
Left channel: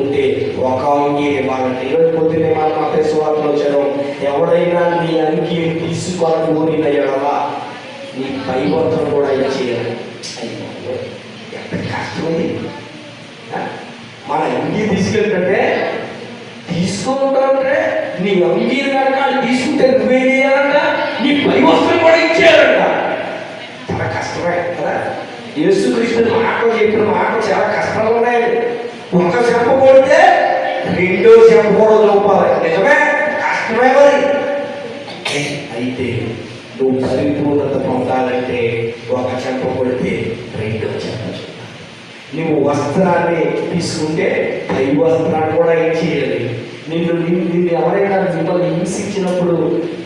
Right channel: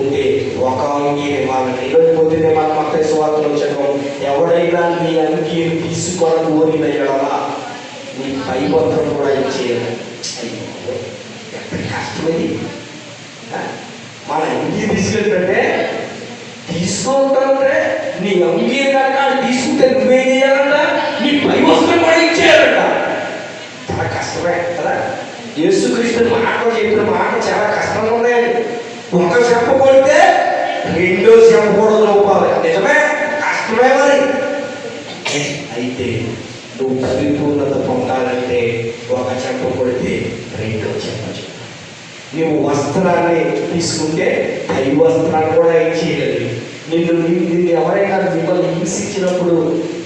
ఉంటే ఒక అంగీని వాళ్ళని ఇవ్వకపోతేనే వాళ్ళ మత స్వార్థం చదవం. ఎవడైనా నీ అంగీని తీసుకోవాలని కోరిన ఎడలా నీ పైవంతం కూడా ఇచ్చేయాలి. ఎంత కష్టమేది. మన అంగీ తీసుకెళ్తుంటే తీసుకుంటే నీ అంగీ కనుక తీసుకుంటే నువ్వేం చేయాలంట, నీ పై వస్తువులు కూడా ఇచ్చేయాలంట. చాలా కష్టమే కదా. యేసుక్రీస్తు మాటలు చెప్పిన మాటలు చాలా కష్టంగా ఉన్నాయి. ఒక చెంప కొడితే రెండో చెంప కూడా చూపాలి. నిజమే, కష్టమే. మరి అయితే నువ్వు పరిపూర్ణత పొందాలంటే ఒక చెంప కొడితే రెండో చెంప. నువ్వు వస్త్రాన్ని తీసుకుంటే పై వస్త్రాన్ని కూడా ఇచ్చేయాలి. నిన్ను ఎవరైనా మిమ్మల్ని హింసించినప్పుడు,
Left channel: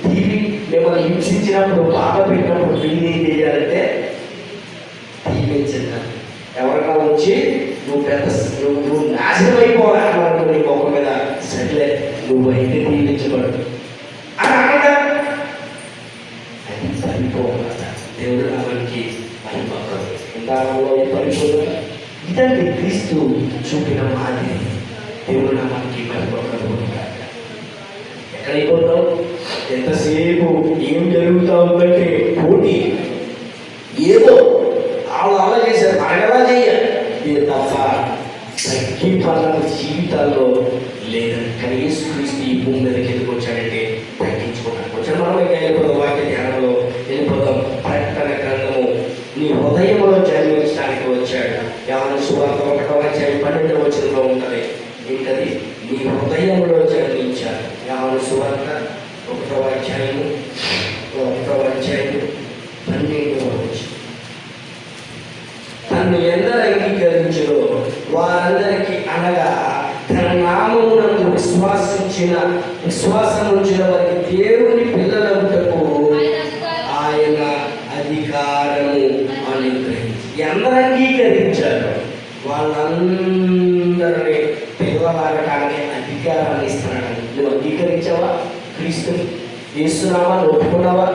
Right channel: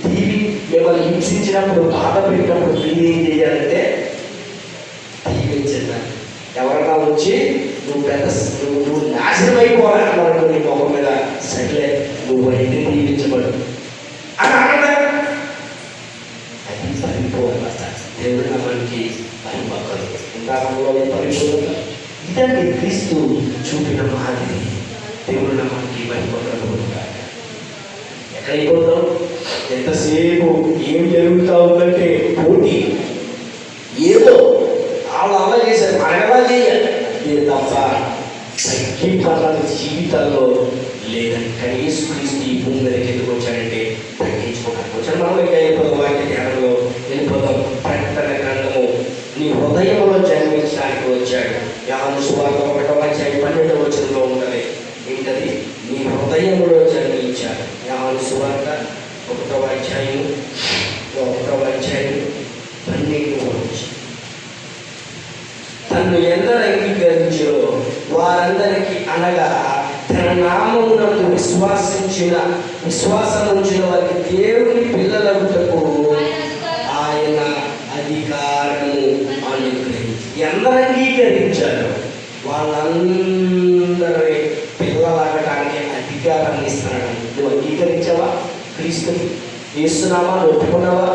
మిమ్మల్ని హింసించినప్పుడు, బాధ పెట్టినప్పుడు నేను ఏం చేయాలంటే దీవించాలి. ఎవరైనా వచ్చి నువ్వు నాశనం అయిపోవాలనుకో నీ మొక్క మీద, సరే నువ్వు అయితే దీవించబడు అని అనగా అది పరిపూర్ణత. దేవుడు నామానికి పరిపూర్ణత. పరిపూర్ణత ఇదండి క్రీస్తు చూపిన మాదిరి. దేవుడు నామానికి పరిపూర్ణత. ఎక్కడైపోతావు? ఎంతసేపు ఏం జరుగుతూ ఉందంటే పోటీ. ఏదో వాళ్ళు అలా చేశారు, మనం ఎలా చేయాలి తప్ప తగ్గింపాలని జీవితాల్లో లేదని. కానీ యేసుక్రీస్తు ఈ భూమి మీదకి ఎందుకు వచ్చాడంటే తగ్గించుకోవడానికి వచ్చాడు. మనం ఇంకా వెళ్ళిపోదాం, వాక్య ధ్యానంలో వెళ్ళిపోదాం. ప్రకటన గ్రంథము నీ హృదయంలో జన్మించడానికి వచ్చాడు. యోహాను సువార్త 1:12 ఉంటుంది. ఏంటది? నీ హృదయంలో జన్మించాడు. యోహాను సువార్త 1:12 తను ఎందరు అంగీకరించో వారందరికీ, అనగా తన నామమునకు విశ్వాసం ఉంచిన వారికి దేవుని పిల్లలవుటకు ఆయన అధికారము అనుగ్రహించి. ఎందరు అంగీకరించారు వాళ్ళందరి పిల్లలగటానికి అధికారాన్ని ఇస్తున్నాడు. నువ్వు అంగీకరించావా? క్రీస్తు యేసునామాన్ని ఒప్పుకున్నావా?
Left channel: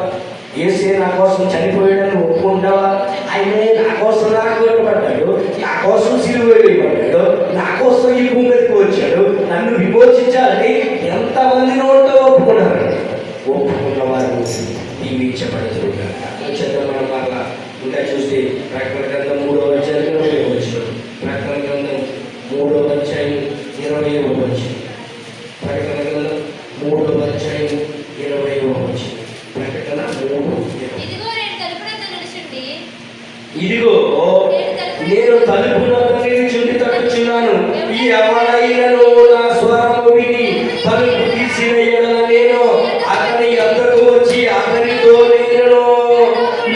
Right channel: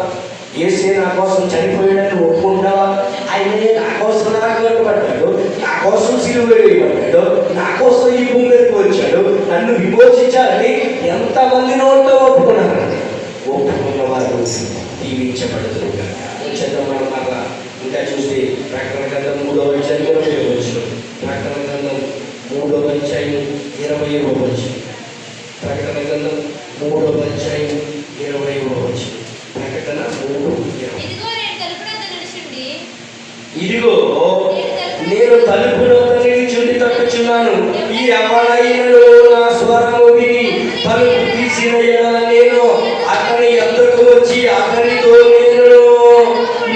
యేసే నా కోసం చనిపోయాడని ఒప్పుకుంటావా? ఆయనే నా కోసం నరకబడ్డాడు, నా కోసం సిలువ వేయబడ్డాడు, నా కోసం ఈ భూమి మీదకి వచ్చాడు, నన్ను విమోచించాలని ఎంతమంది నోట్లో ఒప్పుకున్నారు? ఒప్పుకున్న వారు దీవించబడుతున్నారు. చంద్రమాల ఇంకా చూస్తే ప్రకటన గ్రంథం 3:20 ప్రకటన గ్రంథం 3:20 ప్రకటన గ్రంథం 3:20 ప్రకటన 3:20 ఇదిగో నేను తలుపు నొద్ద నిలుచుండి తట్టుచున్నాను. ఈ ఎవడైనను నా స్వరము విని తలుపు తీసిన ఎడల నేను అతని యొద్దకు వచ్చి అతనితో నేను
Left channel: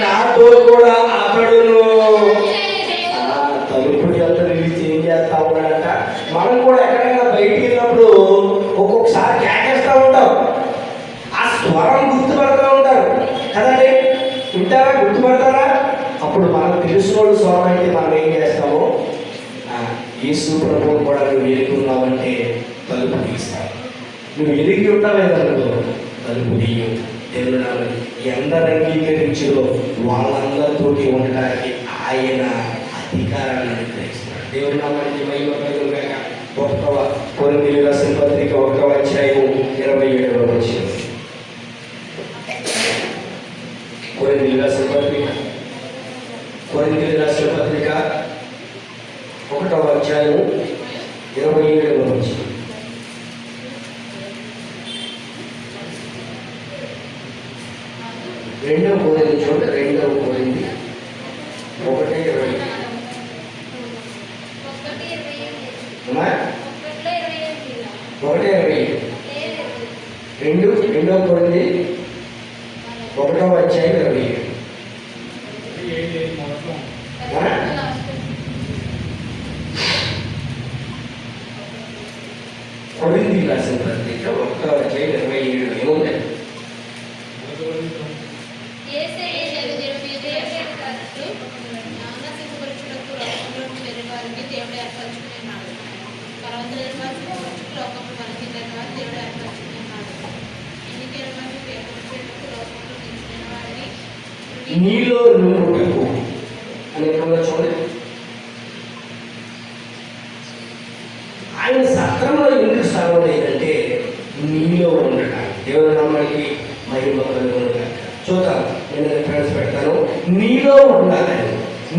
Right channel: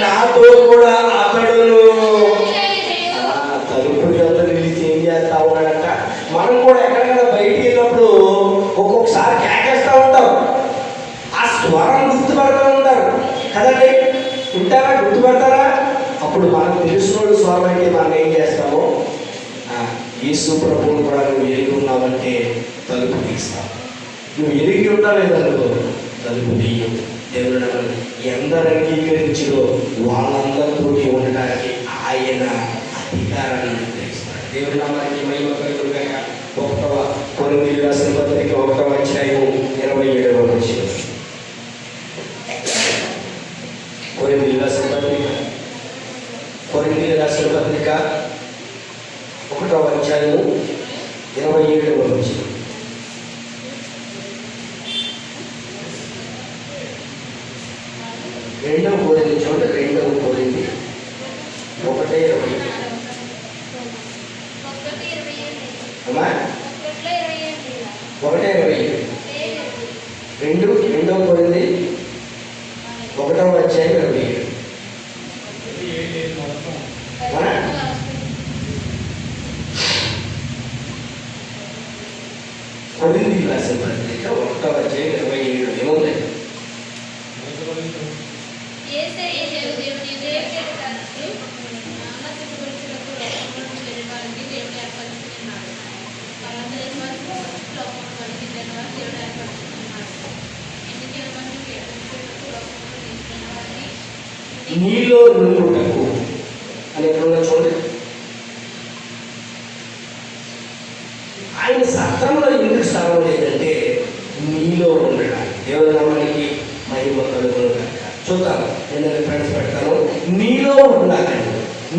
నాతో కూడా అతడును. తలుపు యొద్ద నిలిచి ఏం చేస్తా ఉన్నాడంట? మనం కూడా ఎక్కడైనా బయటికి వెళ్ళినప్పుడు ఒక్కొక్కసారి కేకేస్తూ ఉంటాం. ఆ స్వరం గుర్తుపడుతూ ఉంటారు కదండి. వింటారా? గుర్తుపడతారా? అప్పుడు మనకు తెలిసినోడు స్వరం అయితే మనం ఏం చేస్తామో, యేసు ప్రభువును కూడా నువ్వు ఎరిగి ఉన్నావంటే తలుపు తీస్తావు. నువ్వు ఎరిగి ఉన్నావేదనుకో తలుపు తీయు. దేవుడు ఎందరు అంగీకరించో వాళ్ళందరితోటి ఉండడానికి ఆయన అధికారాన్ని అనుగ్రహిస్తాడు. దేవుడు నామానికి మహిమ కలుగుగాక. కొరింథీయులకు రాసిన పత్రిక 1:27 కొరింథీయులకు రాసిన పత్రిక 1:27 రెండవ కోరింది చూడండి. 2వ కోరింది 1:20 రెండవ కోరింది 1:27 కొరింథీయులకు రాసిన పత్రిక 1:27 నీలో నుండుటకు అని ఎప్పుడన్నా చూడండి. ఆయన సత్రంలో ఎందుకు స్థానం లేదంటే నీలో ఉండడానికి. దేవుని నామానికి మహిమ కలుగును. చూద్దాం, నేను రిఫరెన్స్ పెడతాను. నీలో ఉండాలని,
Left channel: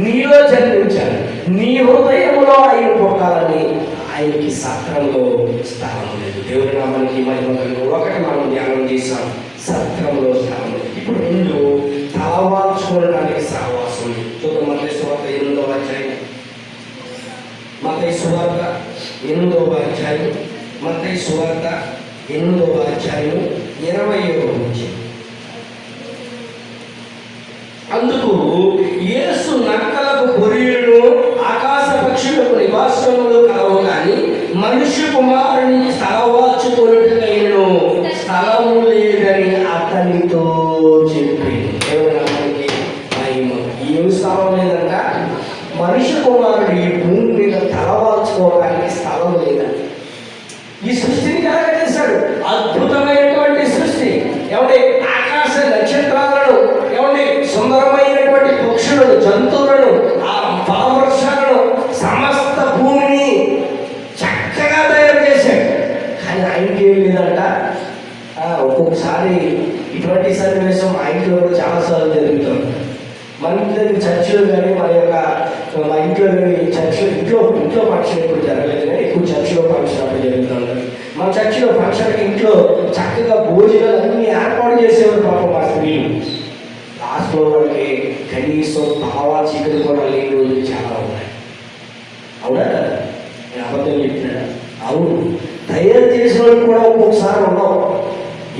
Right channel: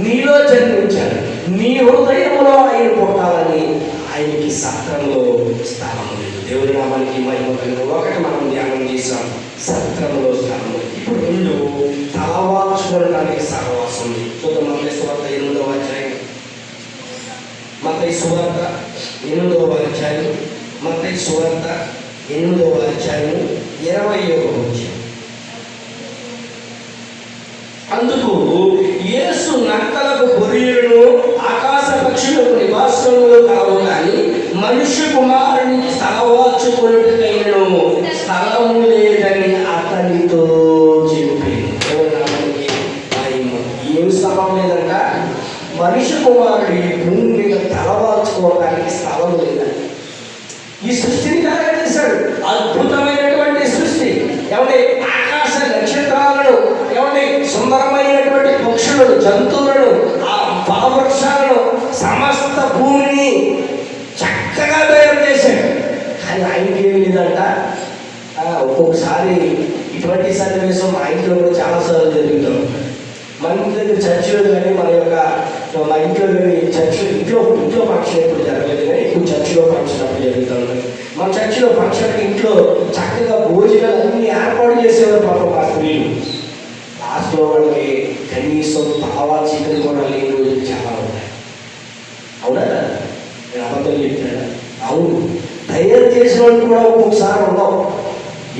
నీలో జన్మించాలని, నీ హృదయంలో ఆయన పుట్టాలని ఆయనకి సత్రంలో స్థానం లేదు. దేవుని నామానికి మహిమ కలుగు. ఒకటి మనం ధ్యానం చేశాం, సత్రంలో స్థానం. ఇప్పుడు రెండు, తలవాల్చుకోవడానికి సహవాసం. చూద్దాం, మత్తయి సువార్త 8వ అధ్యాయం, మత్తయి సువార్త 8వ అధ్యాయం, మత్తయి సువార్త 8వ అధ్యాయం 20వ వచనం. అందుకు యేసు నక్కలకు బొరియలను ఆకాశ పక్షులకు నివాసములు కలవు, కానీ మనుష్య కుమారునికి స్థలవార్చుకొనుటకైనను స్థలము లేదని అతనితో చెప్పింది. దేవునికి ఏం స్థలం లేదంట? మనుష్య కుమారుడు ఈ భూమి మీద తలవార్చుకోవడానికి స్థలం లేదంట. ఈ సృష్టిని కలగజేశాడు, అద్భుతమైనటువంటి సృష్టి. ఏమంటే ఆకాశ నక్షత్రాలను, ఏమంటే సుందరమైనటువంటి పక్షులను, జంతువులను, ఆ ఫలవృక్షాలను, సమస్త భూమిని చక్కగా తయారు చేశాడు. కానీ ఆయనకి ఏం లేదంట. ఒక్కొక్కసారి ఇటువంటి సన్నివేశం మా ఇంట్లో కూడా చాలాసార్లు జరుగుతాం. మన ఇంటి దగ్గర చర్చిలో కానీ, మా ఇంట్లో కానీ, ఇంట్లో ఫంక్షన్ ఎప్పుడు జరగలేదు, కానీ ఎక్కువ చర్చిలో ఫంక్షన్ అప్పుడు జరుగుతూ ఉంటారు. మా చర్చిలో ఫంక్షన్కి ఇంట్లో చక్కగా భోజనాలు అన్నీ ఏర్పాటు చేసేవారు పాపం మా స్త్రీలు. లాస్ట్లో వాళ్ళకి కనీసం తలవా చీకలు కూడా లేని రోజులు చాలా ఉన్నాయి. అవునా? నేను అబద్ధం చెప్పినా? అవును. తయారు చేసిన వాళ్ళు కూడా ఒక్కొక్కసారి ఉన్నాం.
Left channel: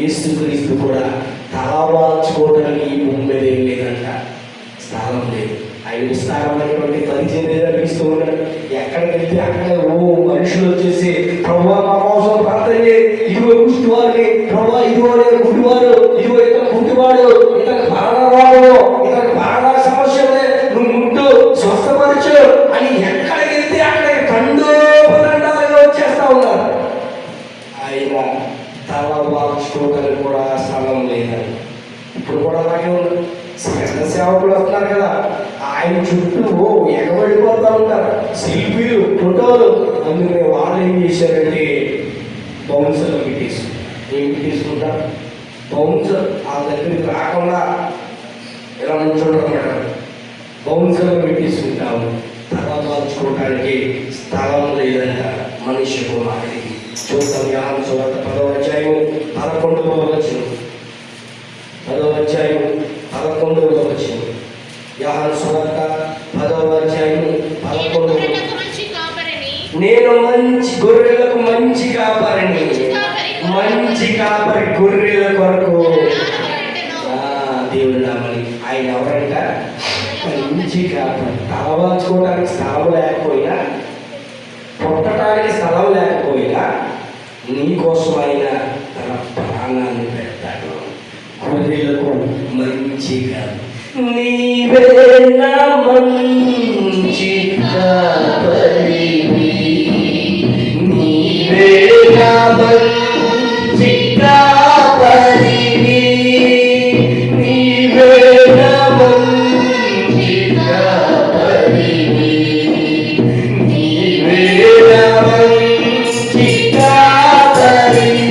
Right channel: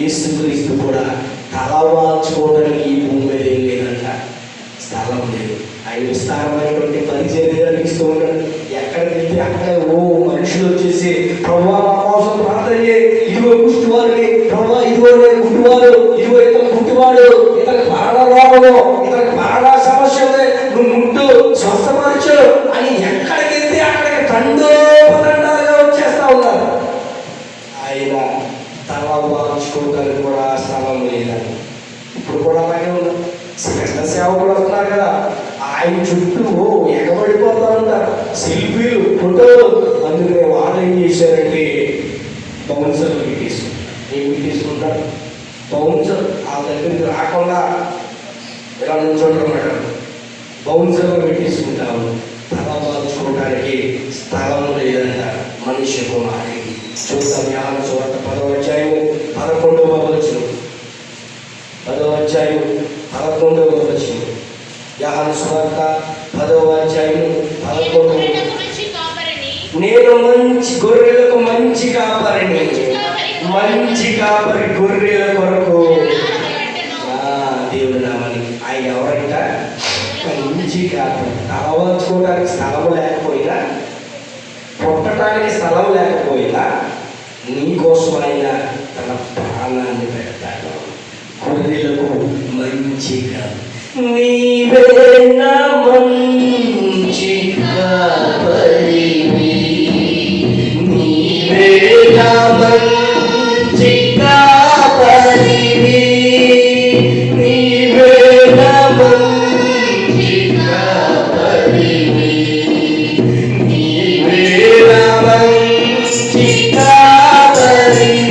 యేసుక్రీస్తు కూడా తలవాల్చుకోవడానికి ఈ భూమి మీద ఏం లేదంట, స్థలం లేదు. ఆయన విస్తారమైనటువంటి పరిచర్యలు ఇస్తూ ఉన్నాడు. ఎక్కడికి వెళ్తే అక్కడ మనుషులు వచ్చేసి, ప్రభువా మా కోసం ప్రార్థన చేయి, ఇదిగో కుష్టివాడిని, ప్రభువా ఇదిగో గుడ్డివాడు, ఇదిగో ఇతను గుడ్డివాడు, ఇతనికి మరణ రోగము, ఇతనికి మరణ సమస్యలే, నువ్వు ముట్టు స్వస్థపరచు అని ఎక్కడికి వెళ్తే అక్కడికి తండోపతండాలుగా వచ్చేస్తా ఉన్నారు. ఆయన తలవాల్చుకోగలిగి కూడా స్థలం లేదని. ఇప్పుడు కూడా అలాగే ఉన్నారు. పెద్ద సేవకులు వస్తున్నారు కదా, ఆయన చుట్టూ ఎగబడిపోతూ ఉంటారు, సెల్ఫీలు, ఫోటోలు. అందుకనే వాళ్ళు ఏం చేశారంటే బౌన్సర్ పెట్టేసుకుంటారు. ఏం పెట్టేసుకుంటారు? బౌన్సర్. ఆ దగ్గరికి రాకుండా ఇలా నుంచోటమాట బౌన్సర్ పెట్టేసుకుంటాము. తలవాల్చుకోవడానికి స్థలం లేదంట మనిషి కుమారుడికి. చూద్దాం, యోహాను సువార్త 10వ అధ్యాయం 11వ వచనం. 10వ అధ్యాయం 11వ వచనం. యోహాను సువార్త 10వ అధ్యాయం 11వ. నేను మంచి గొర్రెలకు మంచి కాపరిని, మంచి కాపరి గొర్రెల కొరకు. దేవుడు నామని. ఆయన ఎవరంట? మంచి కాపరి. తలవాల్చుకోవడానికి స్థలం లేకపోయినా, పుట్టడానికి స్థలం లేకపోయినా, నీకోసం ఆయన తన ప్రాణాన్ని పెడతాడు. గొర్రెలకు మంచిగా. నీవే నా మంచి కాపరివి, నీవే నా మంచి కాపరివి, నీవే నా మంచి కాపరివి, నీవే నా మంచి కాపరివి.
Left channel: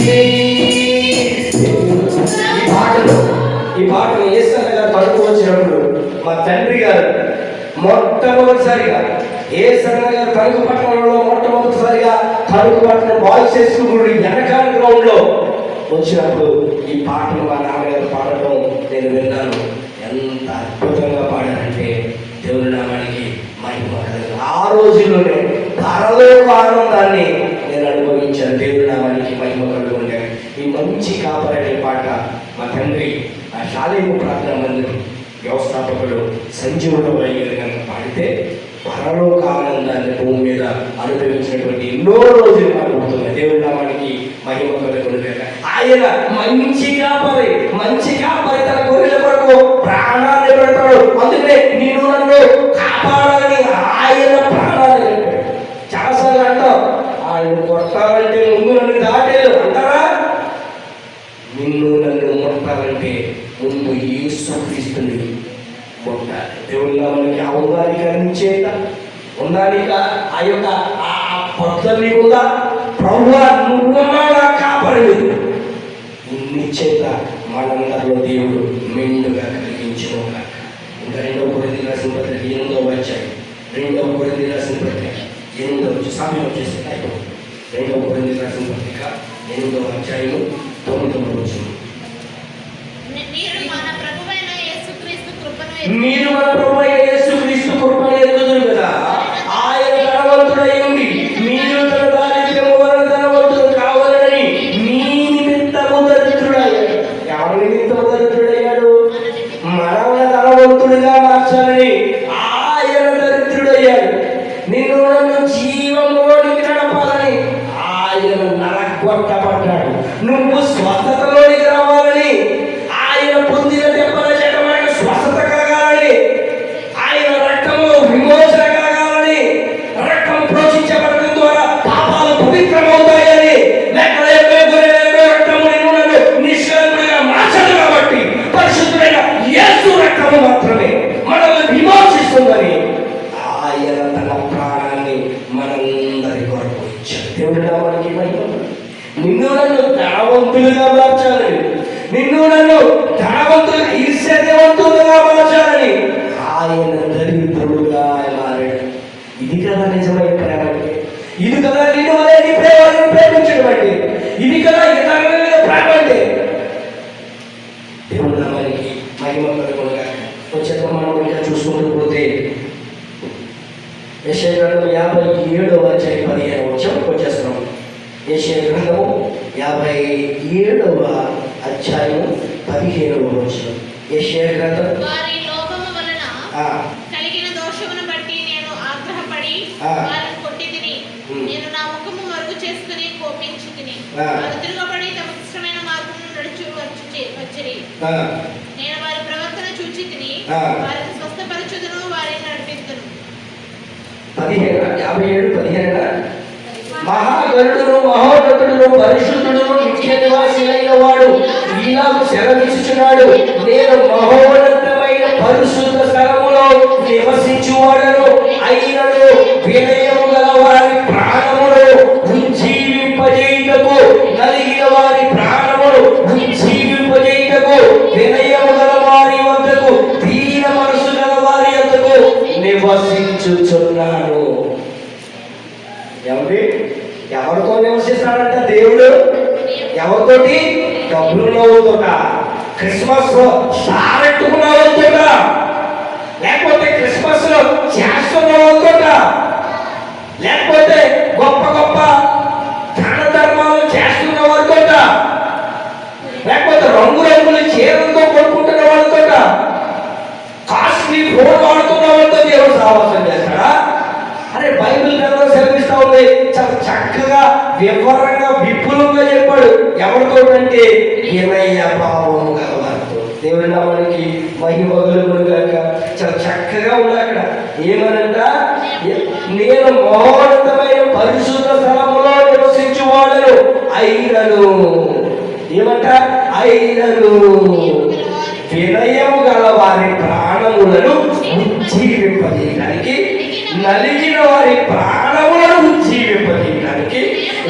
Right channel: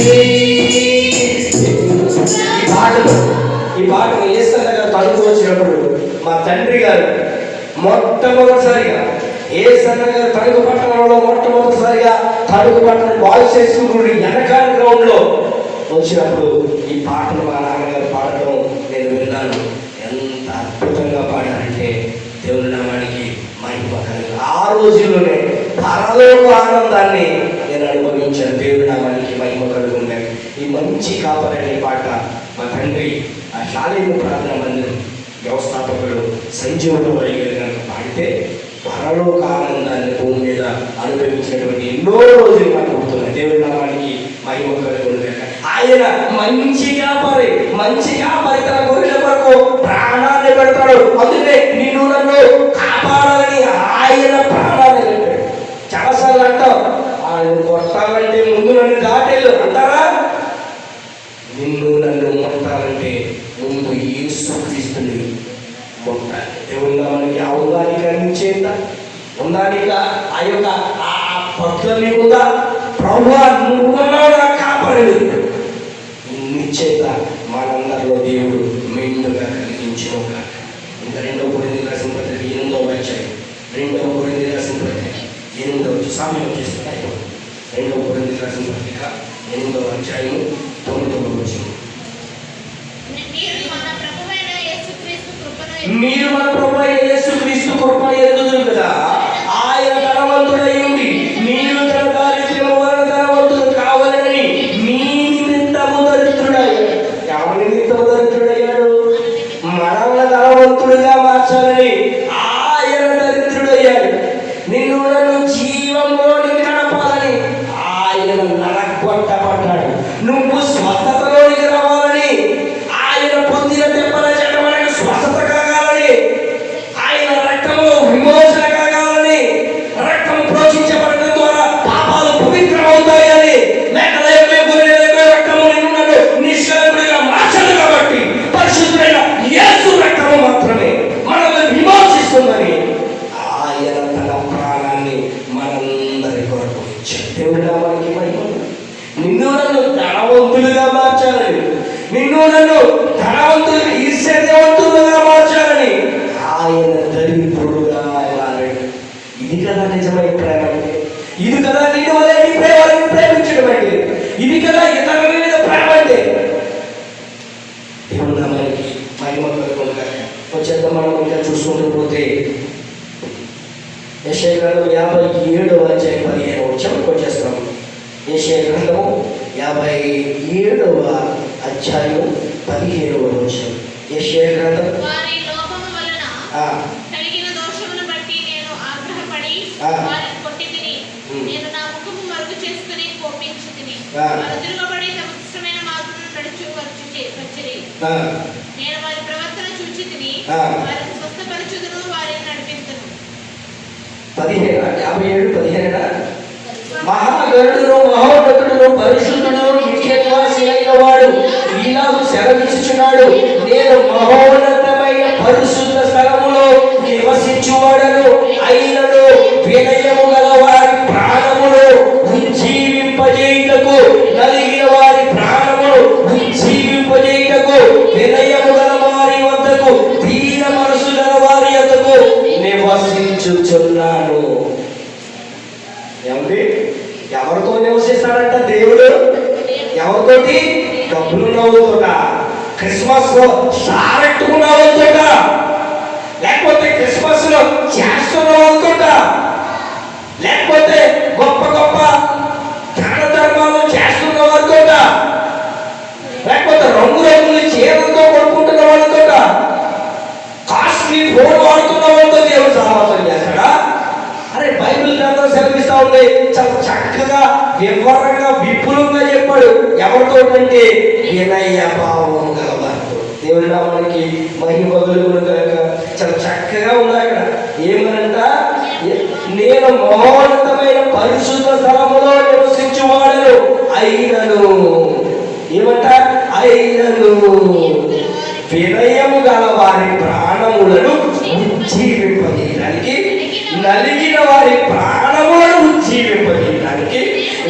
ఈ పాటను ఏసన్నగా తడుపు వచ్చినప్పుడు మా తండ్రి గారు మొట్టమొదటిసారిగా ఏసన్నగా తణుకు పట్టణంలో మొట్టమొదటిసారిగా తణుకు పట్టణం బాయ్స్ హై స్కూల్ వెనకాల గ్రౌండ్లో వచ్చినప్పుడు ఈ పాటను మా నాన్నగారు పాడటం నేను విన్నాను. ఎంత అద్భుతంగా పాడారంటే దేవుని నామానికి మహిమ కలుగు. ఆ రోజుల్లోనే పరలోక ఆనందాన్ని నేను అనుభవించాను. దేవుని నామానికి మహిమ కలుగుండే. ఈ మంచి కాపరనే పాట మా తండ్రి ఆ శాలేము ప్రార్థన మందిరం వ్యవస్థాపకుడు సంజీవుడు వైద్యులు కనుక పాడితే పరలోక ఆనందాన్ని భూమి మీద అనుభవించినటువంటి ఎన్నో రోజులు మనకు అవుతున్నాయి. దేవుడి నామానికి మహిమ కలుగుండే. ఆయన మంచి కాపరి, మంచి కాపరి తన గొర్రెల కొరకు ప్రాణాన్ని పెడతాడు. అందుకే నేను నన్ను కాపాడాలని ఆయన ప్రాణాన్ని పెట్టాడు. చాలాసార్లు అంటావు, ఆయన కొట్టాలంటే ముందు నన్ను దాటేలు అంటారా? నిన్ను నన్ను ముట్టాలంటే ముందు యేసుక్రీస్తుని ఉండాలి. దేవుళ్ళ మనకి ఆ ఉందానికి అందించేత ఉందానిక ఆ యొక్క ఆ పట్టుదల కూడా ప్రభువా నువ్వున్నావుగా కాపాడు. ఇన్ని చేత మనందరిలో దేవుడు మెండుగా కలిగించుకోగా. ఇంకా 2వ కొరింథీయులకు రాసిన పత్రిక 8వ అధ్యాయం 2వ కొరింథీయులకు రాసిన పత్రిక 8వ సమయం వచ్చేస్తున్నాయి. 2వ కొరింథీయులకు రాసిన పత్రిక 8వ అధ్యాయం 9వ వచనం. మీరు మన ప్రభువైన యేసుక్రీస్తు కృపను ఎరుగుదురు కదా. ఆయన ధనవంతుడై ఉండి మీరు తన దారిద్ర్యము వలన ధనవంతులు కావాలని మీ నిమిత్తము దరిద్రుడయ్యాడు. ఎవరి నిమిత్తము దరిద్రుడయ్యాడు? మనల్ని ధనవంతుడుగా మార్చాలని ఆయన దరిద్రుడయ్యాడు. నిన్ను నన్ను జీవములోనికి నడపాలని ఆయన నరగొట్టబడ్డాడు. నువ్వు స్వస్థతలోనికి రావాలని ఆయన పొందిన దెబ్బల చేత మనకు స్వస్థత కలగాలని, ఆయన రక్తము విమోచన కలగాలని, రక్తం ప్రోక్షించబడడం ద్వారా పాపాలు పవిత్రమవుతాయని, రక్తము నిన్ను నన్ను నిష్కలంకుడిగా మార్చదు. కాబట్టి పరిశుద్ధుడైన యేసు రక్తము మాత్రమే మనల్ని విమోచిస్తుందని ఆయన తన ప్రాణాన్ని మనందరి కొరకు ఇచ్చాడు. దేవుడు మనకి నిన్ను నన్ను ధనవంతులుగా మార్చాలని, నిన్ను నన్ను ధనవంతులు ఈర్ష్యవంతులుగా మార్చాలని ఆయన దరిద్రుడుగా మారాడు. ఇది కదా నిజమైన ప్రేమ అంటే. ఇది కదా నిన్ను అనేది ప్రేమని ప్రేమించడం అంటే. ఇది కదా ఇతరుల మీద ప్రేమ అంటే. దేవుడు మనకి మహిమ కలుగునుగాక. వచ్చేద్ద మనం ఇంకా చూసుకుంటూ పోతే యెషయా గ్రంథం 57వ అధ్యాయం 15వ వచనంకి వచ్చేస్తున్నాం. యెషయా గ్రంథం 57వ అధ్యాయం 15వ వచనం. యెషయా గ్రంథం కలిగిన దోషమును బట్టి నేను ఆగ్రహపడి వారిని కొట్టితిని. నేను నా ముఖము మరుగు చేసుకుని కోపించితిని. వారు తిరగబడి తమ ఇష్టమైన మార్గమును వచ్చిరి. నేను వారి ప్రవర్తన చూచితిని. వారిని స్వస్థపరచుదును, వారిని నడిపించుదును. 57 మహాగరుడును మహోన్నతుడును పరిశుద్ధుడును నిత్య నివాసి అయిన వాడు ఈనాడు సెలవిచ్చుచున్నాడు. నేను మహోన్నతమైన పరిశుద్ధ స్థలములో నివసించువాడను. అయినను వినయము గల వారి ప్రాణములు ఉజ్జీవింపజేయుటకు, నలిగిన వారి ప్రాణములు ఉజ్జీవింపజేయుటకు, వినయము గల వారి వద్దకు, దీన మనసు గల వారి వద్దకు నివసించుచున్నాను. ఎవరితో నివసిస్తాడంట దేవుడు? ఎవరితోటి? డబ్బులు నవ్వుతోట, క్రిస్మస్ లో సారెట్టుకు నవ్వుతోట, లేకపోతే క్రిస్మస్ లో చేస్తున్న వాళ్ళతోట, లేకపోతే గొప్ప గొప్ప దాన ధర్మాలు చేస్తున్న వాళ్ళతోట, లేకపోతే రంగురంగుల చీరలతో కొనుక్కుంటున్న వాళ్ళతోట, కాస్ట్లీ ఫోన్ వాడుతున్న వాళ్ళతో దేవుడు సహవాసం చేస్తాడా? అరే బైబిల్ గ్రంథం సెలవిస్తా ఉంది. చాలా చక్కగా వివరంగా విపులంగా చెప్పాడు. ఎవరితో అంటే వినయ భావం గలవారితో. దేవుడి నామానికి మహిమ కలుగునుగాక. చాలా చక్కగా ఉంది అక్కడ. ఏమనంట? నేను మహోన్నతమైన పరిశుద్ధ స్థలములో నివసించువాడను. అయినను ఏమంట? అయినను వినయము గల వారి ప్రాణములను ఉజ్జీవింపజేయడానికి, నలిగిన వారి ప్రాణములను ఉజ్జీవింపజేయడానికి,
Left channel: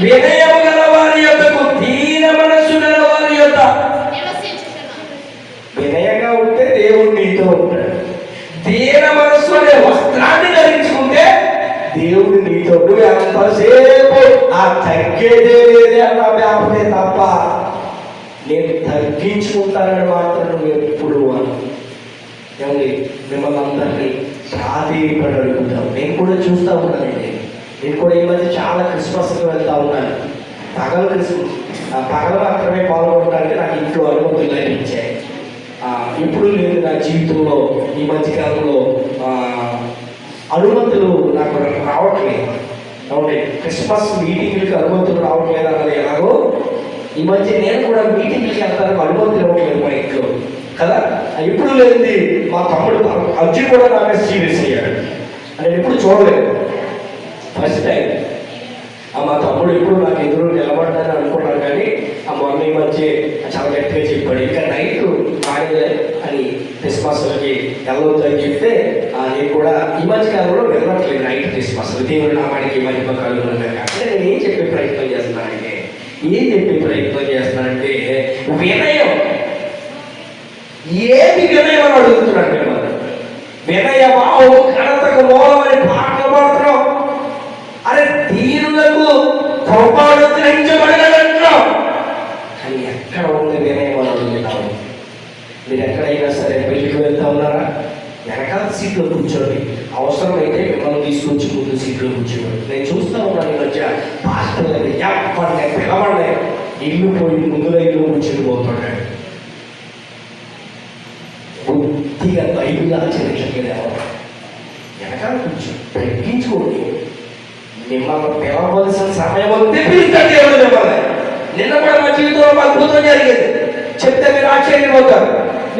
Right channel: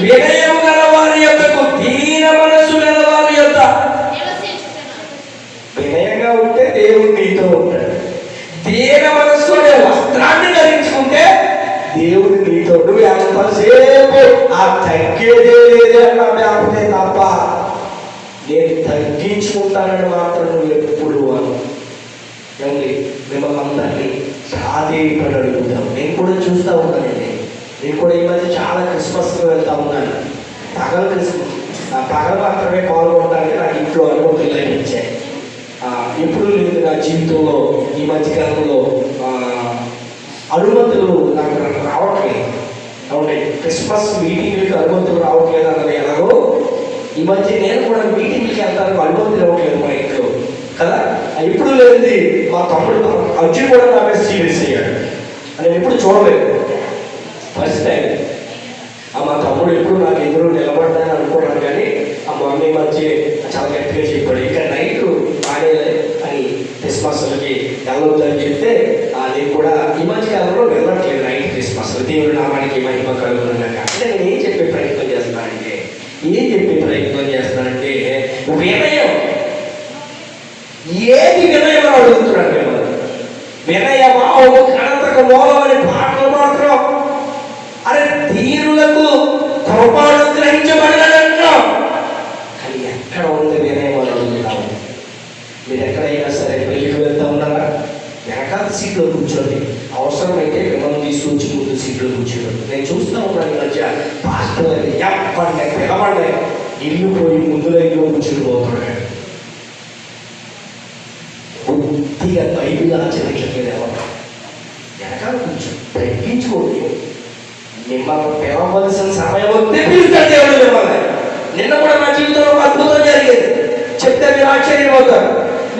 వినయము గల వారి యొద్దకు, దీన మనస్సు గల వారి యొద్ద. వినయంగా ఉంటే దేవుడు నీతో ఉంటాడు. దీన మనస్సు అనే వస్త్రాన్ని ధరించుకుంటే దేవుడు నీతో. నువ్వు ఎంతసేపు ఆ తగ్గేదే లేదే అన్న వ్యాపదే తప్ప నేను తగ్గించుకుంటానని మాత్రం నువ్వు ఎప్పుడు అను. ఏమండి మిమ్మల్ని అందరినీ ప్రాధేయపడి అడుగుతాం. నేను కూడా చూస్తూ ఉన్నానండి. నేను కూడా ఈ మధ్య చాలా క్రిస్మస్కి వెళ్తూ ఉన్నాను. పగల మాత్రమే పాల్గొంటానని నాకు ఇంట్లో అనుమతులు లభించాయి. ఎప్పుడు లేదు నా జీవితంలో ఈ మధ్యకాలంలో అనుమతులు నాకు రావట్లేదు. అవునండి, క్రిస్మస్ మీటింగ్లకి అనుమతులు రావట్లేదు అన్నది ఎలాగో ఈ మధ్య నేను కూడా మీటింగ్కి వెళ్తాను, అనుమతులు ఇవ్వట్లేదు మా ఇంట్లో కదా. ఎప్పుడు లేనిది మా తమ్ముడు అర్జున్ కూడా నా మీద సీరియస్ అయ్యాడు. నేను ఎప్పుడు చూడలేదు, ఫస్ట్ టైం. మా తమ్ముడు ఎప్పుడు నాకు ఎదురు నిలబడ్డానని అనుకున్నాను, కానీ ఆ మమ్మీ మధ్య చాలా గట్టిగా చెప్పాడు. ఇక నైట్ బాగానే అని క్రిస్మస్కి వెళ్ళొద్దని వినయం. ఏది వినయం అని అడుగుతున్నాడు మిమ్మల్ని. వినయమావు ఘనతకు మూలమని పాటలు పాడుతున్నాం. అరే దీనులకు కృపను గ్రహించబడినంటున్నాం. కానీ ఎక్కడ ఉంది వినయం అని అడుగుతున్నావు. మీరు ఎక్కడైనా సరే పెళ్లికి వెళ్తా ఉన్నారా? వెనకాల సీట్లో కూర్చోండి. అవసరమైతే మిమ్మల్ని తీసుకొచ్చి ముందు సీట్లో కూర్చోండి. నేను చూస్తూ ఉన్నాను ఈ మధ్య పాస్టర్ పిలవండి ఇల్లు పోయి ముందు లైన్లో కూర్చొని పోతున్నాడు. బుద్ధిగా బైబిల్ ఆచరించలేదు. వెనకాల కూర్చో తగ్గించుకోండి. మిమ్మల్ని పిలవలసిన సమయం వస్తే పిలుస్తాడు దేవుడు మిమ్మల్ని. నిన్న కూడా నా జీవితంలో ఒక అద్భుతం జరిగేది, చెప్తే మీరు ఆశ్చర్యపోతారు.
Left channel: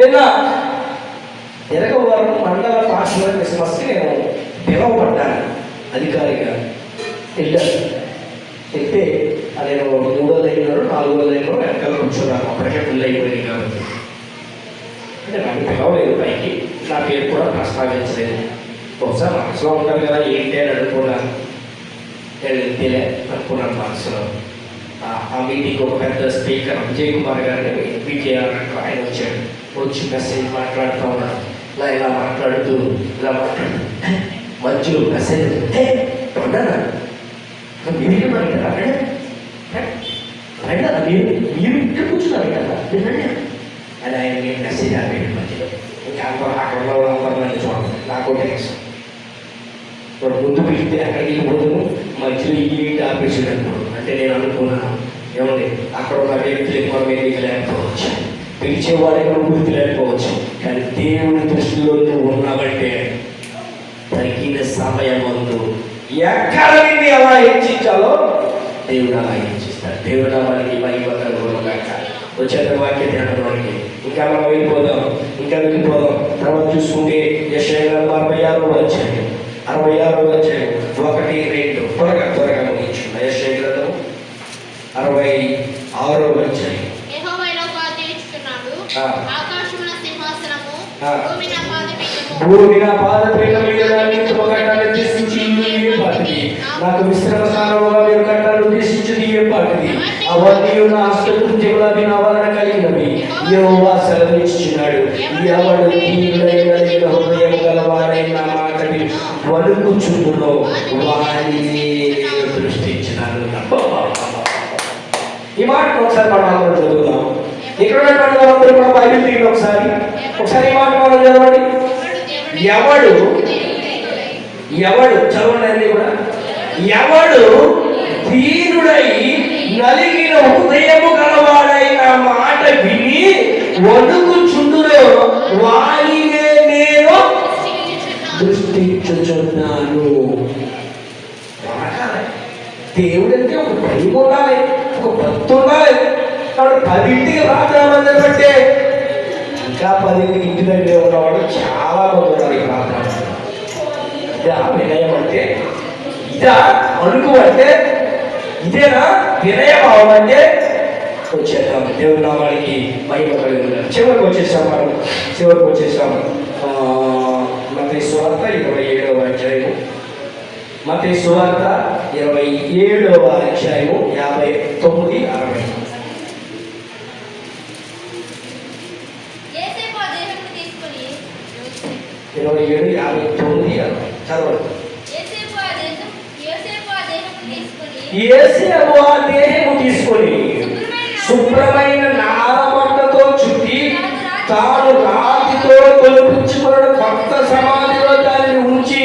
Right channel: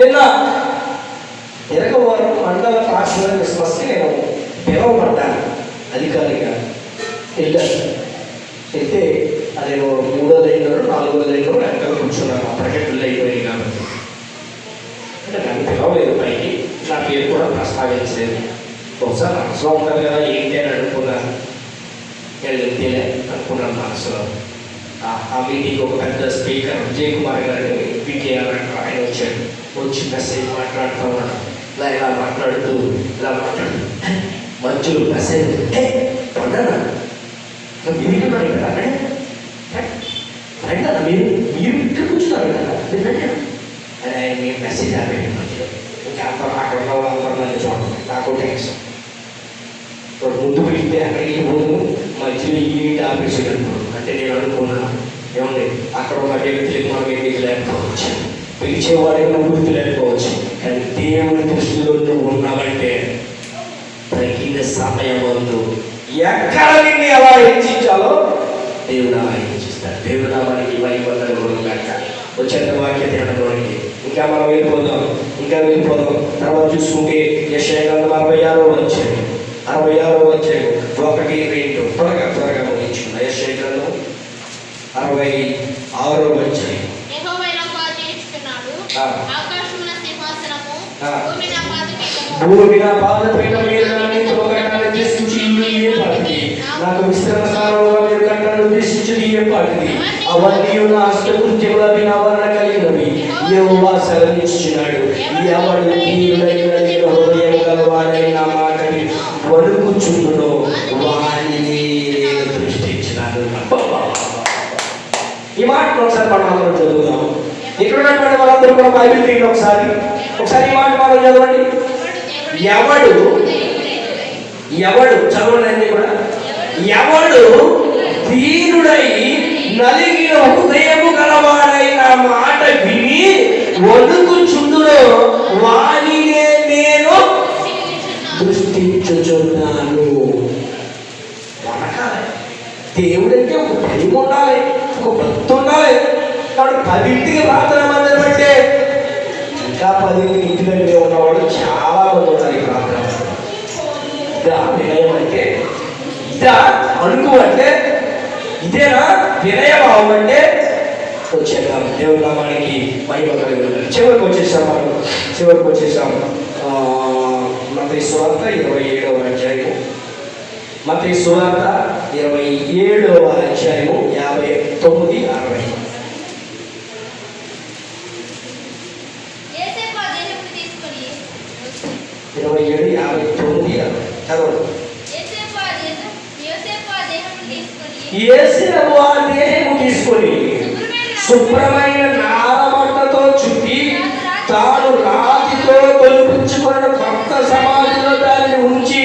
నిన్న ఎరగవారం మండల పాస్టర్ క్రిస్మస్కి నేను పిలవబడ్డాను. అధికారిగా వెళ్ళాను. వెళ్తే నేను 3వ లైన్లో 4వ లైన్లో వెనకాల కూర్చున్నాను. అప్పటికే ఫుల్ అయిపోయింది కాబట్టి నన్ను పిలవలేదు పైకి. నా పేరు కూడా ప్రస్తావించలేదు. బహుశా మనసులో ఉంటారు కదా ఏంటి అని అనుకున్నాను. వెళ్తేలే అనుకున్నాను మనసులో. ఆ మీటింగ్ ఒక పెద్ద స్పీకర్ విజయ్ కుమార్ గారిని విజయాలంటూ ఆయన వచ్చాడు. వచ్చి మెసేజ్ మాట్లాడుతూ ఉన్నాడు. ఇలా మాట్లాడుతూ మధ్యలో మెసేజ్ ఉండరా మీరు మీరు ఇక్కడ కూర్చున్నారు కదా అని ఆయన మీరు మెసేజ్ ఆపేయండి మధ్యలో. ఇంకా అక్కడ ఉన్న వాళ్ళందరూ చూడండి. నాకు టెన్షన్. ముందు పిలిస్తే అక్కడికి పోను, మధ్యలో ఈ ఆపేసేటప్పుడు అంటే నేను అనుకున్నాను ఏమండి అక్కడ ఉన్న వ్యక్తులకు మనం ఎందుకు లేకపోవచ్చు, పిలిచేవాడికి మనం గుర్తు లేకపోవచ్చు. కానీ దేవుడి దృష్టిలో నువ్వు ఉన్నావంటే తగిన సమయం ముందు ఎక్కడ నిన్ను ఎలా హెచ్చించాలో దేవుడు అలా హెచ్చిస్తాడు. దేవుడు మనకి వచ్చేట వాక్యం తినడానికి ఇంకా మనం వెళ్ళిపోదాం. తర్వాత చూసుకుంటే యెషయా 46వ అధ్యాయం 1 2 త్వరగా ముగించుకున్నా. యెషయా 66వ అధ్యాయం. భూమి నా పాదపీఠం నాకు విశ్రమ స్థానంలో మీరు కట్టను ఉద్దేశించి ఏర్పాటిది. అవన్నీ నా హస్తకృత్యములకి నా వలన కలిగినవి యెహోవా సెలవిచ్చుచున్నాడు. ఎవడు దీనుడైన హృదయం గలవాడైన నా మాటని వణుకుచుండునో వానిని నేను దృష్టించినాను. ఈ మాట ఒకసారి మనం అందరం చదువుదాం. ఇక్కడ ఉన్నటువంటి వాళ్ళందరూ కూడా బైబిల్ తీయండి ఒకసారి ఈ మాట మనం చదవండి. ఎవడు చదవండి కూడా. ఎవడు దీనుడై నలిగిన హృదయము గలవాడైన మాట విని వణుకుచుండునో వానినే నేను దృష్టించుచున్నాను. దేవుడంటే ఒక భయం ఉండాలి, ఒక భక్తి ఉండాలి. కాబట్టి 10ంటికి ప్రార్థన బట్టే ఇంకా 10ంటికి ఇంటి దగ్గర ఉన్నవాడు చాలా మంది ఉన్నారు. ఈ ప్రార్థన ఇదా వినయం అంటే, ఇదా అనుకు అంటే, ఇదేనా వినయభావం అంటే వచ్చేద్దాం. దేవుడు నామానికి మహిమ కలుగుతుంది. చివరికి వచ్చేసాము. మత్తయి సువార్త 27వ అధ్యాయము. మత్తయి సువార్త 27వ అధ్యాయము 59, 60. యేసేపు ఆ దేహము తీసుకొని శుభ్రమైన నారబట్టతో చుట్టి తాను రాతితో తొలిపించుకున్న కొత్త సమాధిలో దాన్ని ఉంచి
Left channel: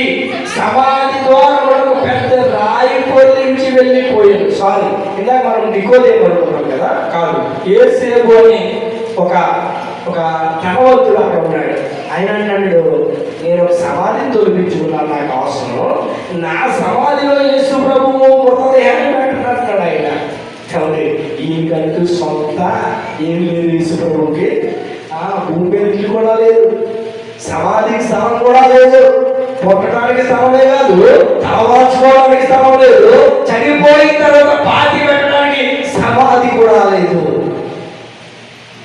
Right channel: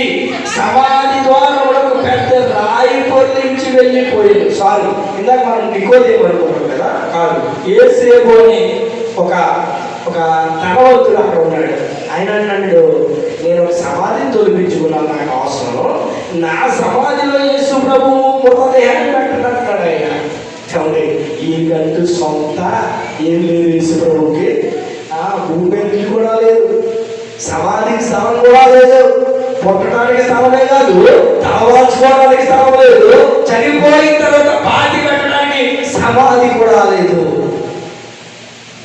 సమాధి ద్వారా పెద్ద రాయి పొందించి వెళ్ళిపోయాడు. సారీ, ఇందాక మనం నికోదేము అనుకున్నాం కదా, కాదు. యేసేపు అని ఒక ధనవంతుడు అక్కడ ఉన్నాడు. ఆయన అన్నాడు, నేను ఒక సమాధిని తొలగించుకున్నాను, నాకు అవసరం, నా సమాధిలో యేసు ప్రభువు మృతదేహాన్ని పెట్టినట్టాడు ఆయన. కాబట్టి ఈయనకంటూ సొంత ఏం లేదు యేసు ప్రభువుకి. భూమి కూడా లేదు, సమాధికి స్థలం కూడా లేదు, పుట్టడానికి స్థలమే కాదు, తలవాల్చుకోవడానికి స్థలం లేదు, చనిపోయిన తర్వాత పాతి పెట్టడానికి సమాధి కూడా లేదు.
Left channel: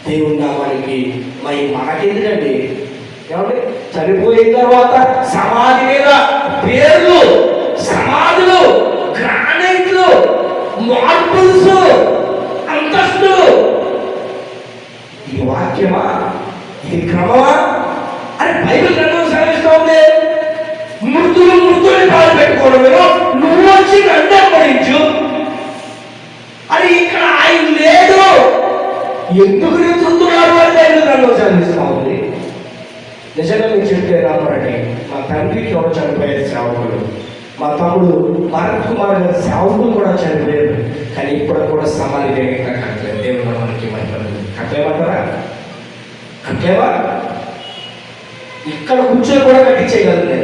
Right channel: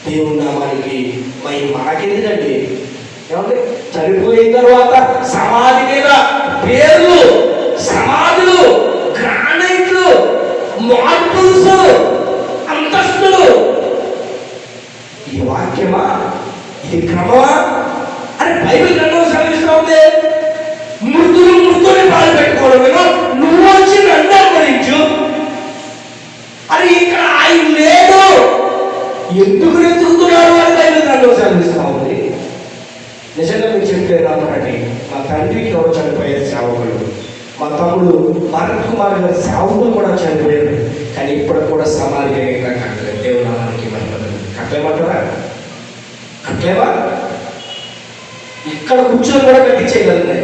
దేవుని నామానికి మనకెందుకండి? ఏమంటే చనిపోయిన తర్వాత సమాధి మీద పేర్లు, సమాధులు, గ్రానైట్లు, మార్బుల్స్, అంతస్తులు ఇది వాక్యమా? ఇది క్రమమా అని బైబిల్ గ్రంథం సాగిస్తూ ఉంది. మృతులు పాలు పెట్టుకోవడం, నువ్వు వచ్చి వెంబడించు అని ఇక్కడ ఆయన లేడు. ఎందుకు ఎదుగుతున్నాడు అని బైబిల్ గ్రంథం సాగిస్తూ ఉంది. నిజంగా మీరు చెప్తే రామరండి, మా తండ్రికి ఎవరు చనిపోయారు సేవకులు, మా తమ్ముడు భరత్ కుమార్ గారు సేవకులు కూడా చనిపోయారు. కానీ ఇప్పుడు కూడా సమాధి కట్టలేదు. దేవుడు నామానికి కట్టలేమంటారా? కట్టలేవా? ఇక్కడ కూర్చొని కూడా కట్టించేయగలను.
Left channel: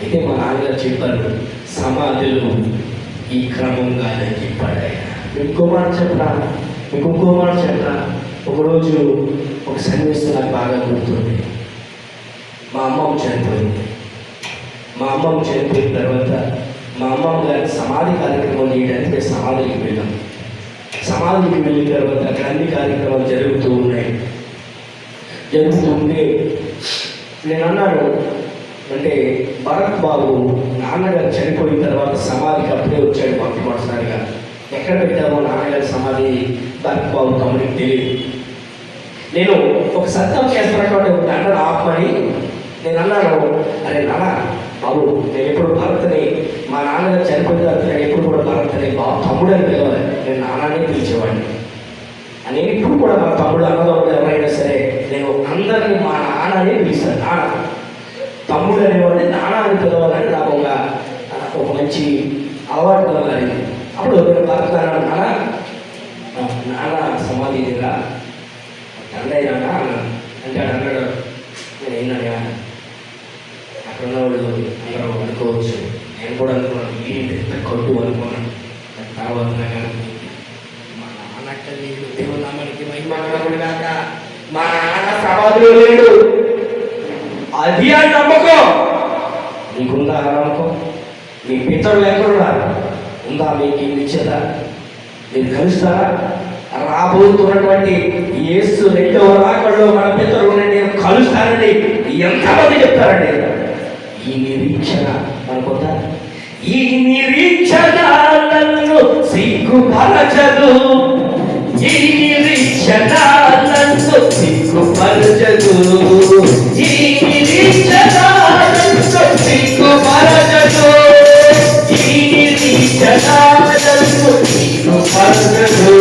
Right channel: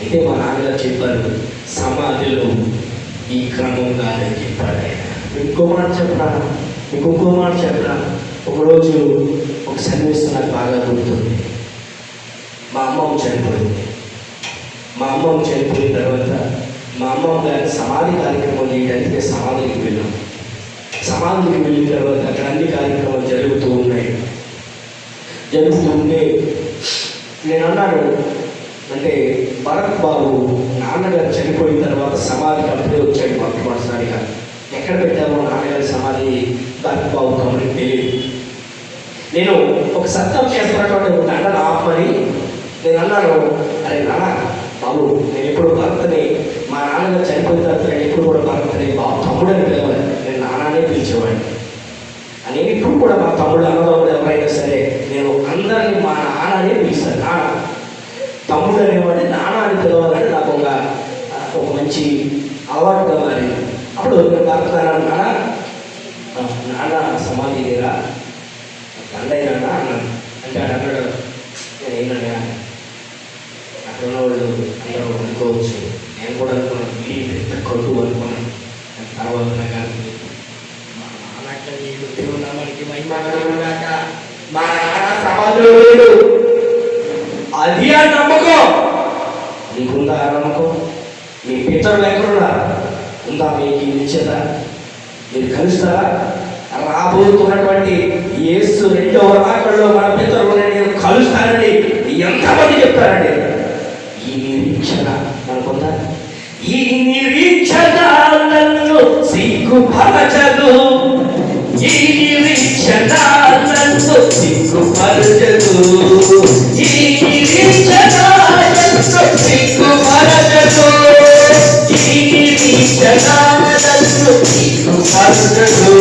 అయితే మా నాన్నగారు చెప్పారు, సమాధిలో ఈ క్రమంగా చెప్పాడు. ఇంకో మాట చెప్పరా, ఇంకో మాట చెప్పరా. ఒకరోజు ఒక సన్నివేశం నాకు బాగా గుర్తుంది. మా అమ్మమ్మ చనిపోయింది. మా అమ్మమ్మ చనిపోయిన తర్వాత మా అమ్మమ్మ గారి సమాధి కార్యక్రమం చేయడానికి మేము సమాధికి వెళ్ళాం. సమాధికి వెళ్ళిన తర్వాత అక్కడ అన్ని కార్యక్రమాలు జరుగుతూ ఉంటే నేను అన్నాను, అంటే భరత్ బాబు నాన్నగారు చనిపోయిన తర్వాత సమాధికి అప్పుడే వచ్చాడు మొట్టమొదటిసారిగా. ఎక్కడ పెట్టారో నాన్నగారి సమాధి భరత్ బాబు తమ్ముడికి తెలియదు. నేను ఒక సత్యం చేస్తున్నటువంటి దండను ఆపమని నేను అన్నాను, అరే నాన్న బాబు, నేను ఎప్పుడు భరత్ని మా నాన్నగారు చనిపోయిన తర్వాత నేను ఎప్పుడు కూడా భరత్ని బాబు తమ్ముడు అని పిలవాలి, నేను నాన్ననే పిలిచేవాడిని అని. ఇప్పుడు కూడా మా తమ్ముడు అన్నదమ్ముడు ఎవరైనా సరే నేను అందరినీ మా నాన్ననే పిలుస్తాను. నాన్న తమ్ముడు అనేవాడిని నాన్న అని పిలవాలని నాకు ఒక మంచి అలవాటుగా మారింది. అప్పుడు నేను భరత్ నాన్న సమాధి లేదా అన్నయ్య అన్నాను. అంటే అన్నాడు, నేను ఏంటన్నా అక్కడ ఉన్నవాళ్ళు అందరూ అనుకోవచ్చు, నేను కూడా అనుకున్నాను వీడి పెద్ద కొట్టు అనుకున్నాను. తర్వాత మా నాన్నక్క నీళ్ళు దేవుడు నామానికి మహిమగాక, మా నాన్న సమాధిలో లేడు. అది ఆ నమ్మకం నీకుందా? ఆ నమ్మకం మీ పితరులు ఎక్కడున్నా ఉందా? మీకు ఈ నిశ్చత మీరు కలుస్తారా? రాబోతున్నటువంటి యేసు రెండవ రాకడలో మన పితరులను నేను కలుస్తానని ఎంతమంది చెప్తారండి? ఈ నిరీక్షణ మనకుందా? ఈ నిరీక్షణ నన్ను సిగ్గుపరచదు, ఈ నిరీక్షణ నన్ను సిగ్గుపరచదు, ఈ నిరీక్షణ నన్ను సిగ్గుపరచదు, ఈ నిరీక్షణ నన్ను సిగ్గుపరచదు.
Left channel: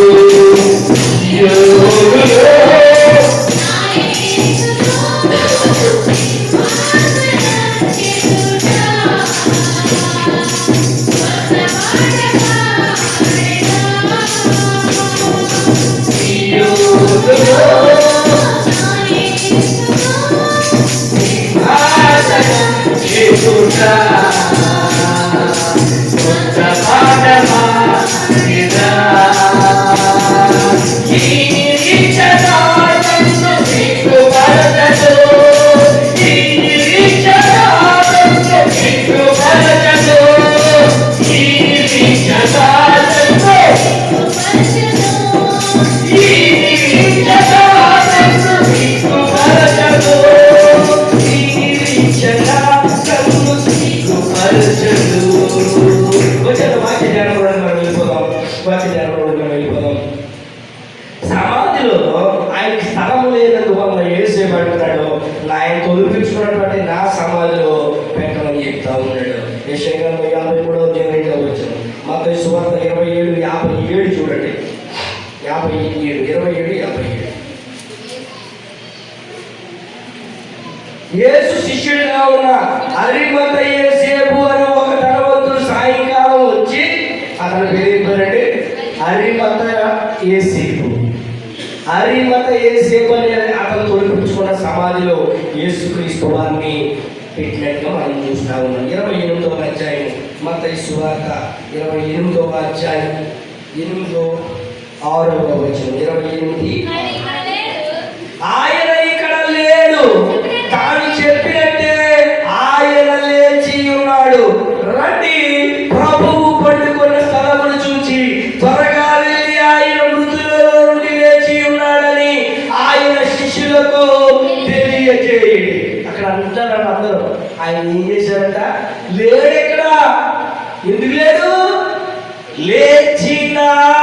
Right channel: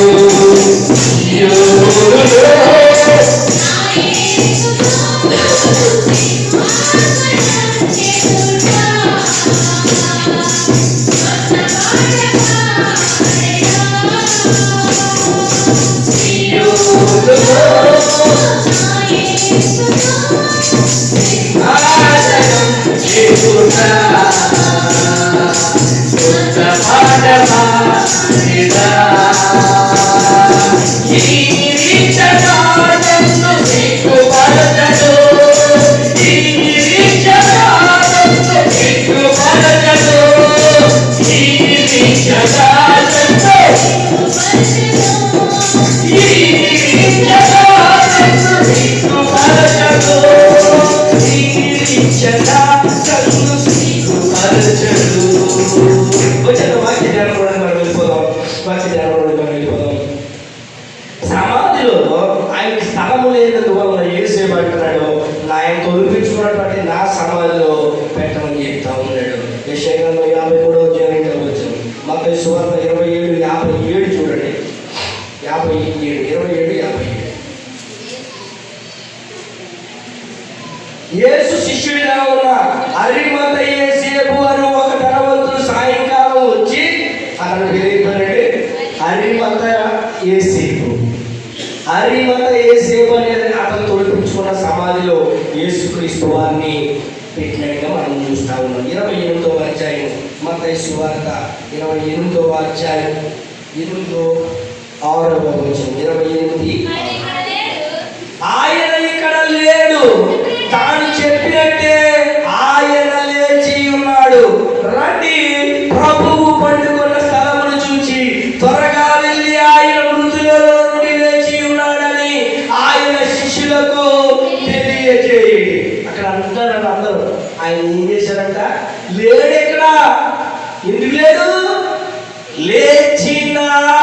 సమాధిలో ఆయనకి స్థలము లేనందుకు వల్ల ఏసేమంటున్నాడు, ఆయన తొలిపించుకున్నటువంటి నా సమాధిలో పెట్టమని చెప్తా ఉన్నాడు. యెషయా 53 వచ్చాను. మత్తయి సువార్త 27:57 చూడండి. 27:57. యేసు శిష్యుడిగా ఉన్న అరిమత యేసేపు అని ఒక ధనవంతుడు సాయంకాలం వచ్చి, అతని పేరు ఏంటంటే అరిమత యేసేపు. అరిమత యేసేపు అనేది అతను తొలిపించుకున్న సమాధిలో యేసుక్రీస్తు వారిని పెట్టినట్టుగా మనం చూస్తా ఉన్నాం. 28వ అధ్యాయం మత్తయి సువార్త 28వ అధ్యాయం 8-6వ వచనం. 28 ఆయన ఇక్కడ లేడు, తాను చెప్పినట్టే ఆయన లేచి ఉన్నాడు. రండి, ప్రభువు పండుకున్న స్థలమును చూచి త్వరగా వెళ్ళి ఆయన మృతులలో నుండి లేచి ఉన్నాడని ఆయన శిష్యులకు తెలియజేయండి. అక్కడ అందరూ ఆయన ఏం చేశారంట? లేడు. ఎక్కడ? ఎందుకు లేడు? లేచినాడురా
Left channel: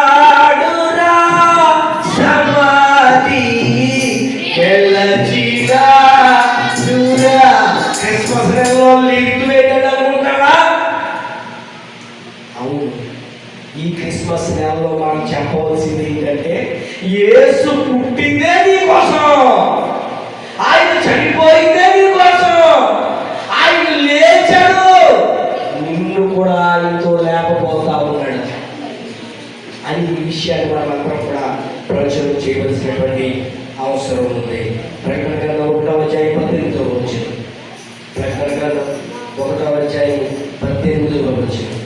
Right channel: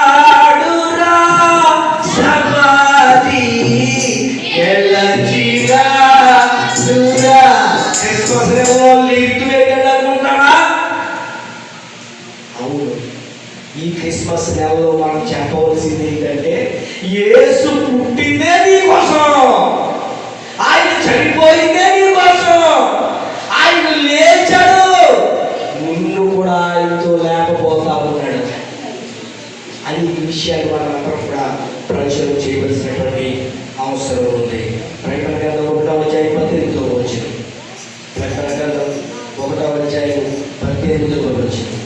సమాధిలోనుండి. యేసు పుట్టిందే నీ కోసం, ఆయన చనిపోయిందే నీ కోసం, ఆయన లేచాడు, నిన్ను కూడా ఆయనతో లేకపోతా ఉన్నాడు అని ఈ విషయాన్ని మనందరం కూడా ప్రచురణ చేయవలసినటువంటి అవసరం ఉంది. ప్రకటన గ్రంథం 1:18 వచ్చింది. ప్రకటన గ్రంథం 1:18 వచ్చింది.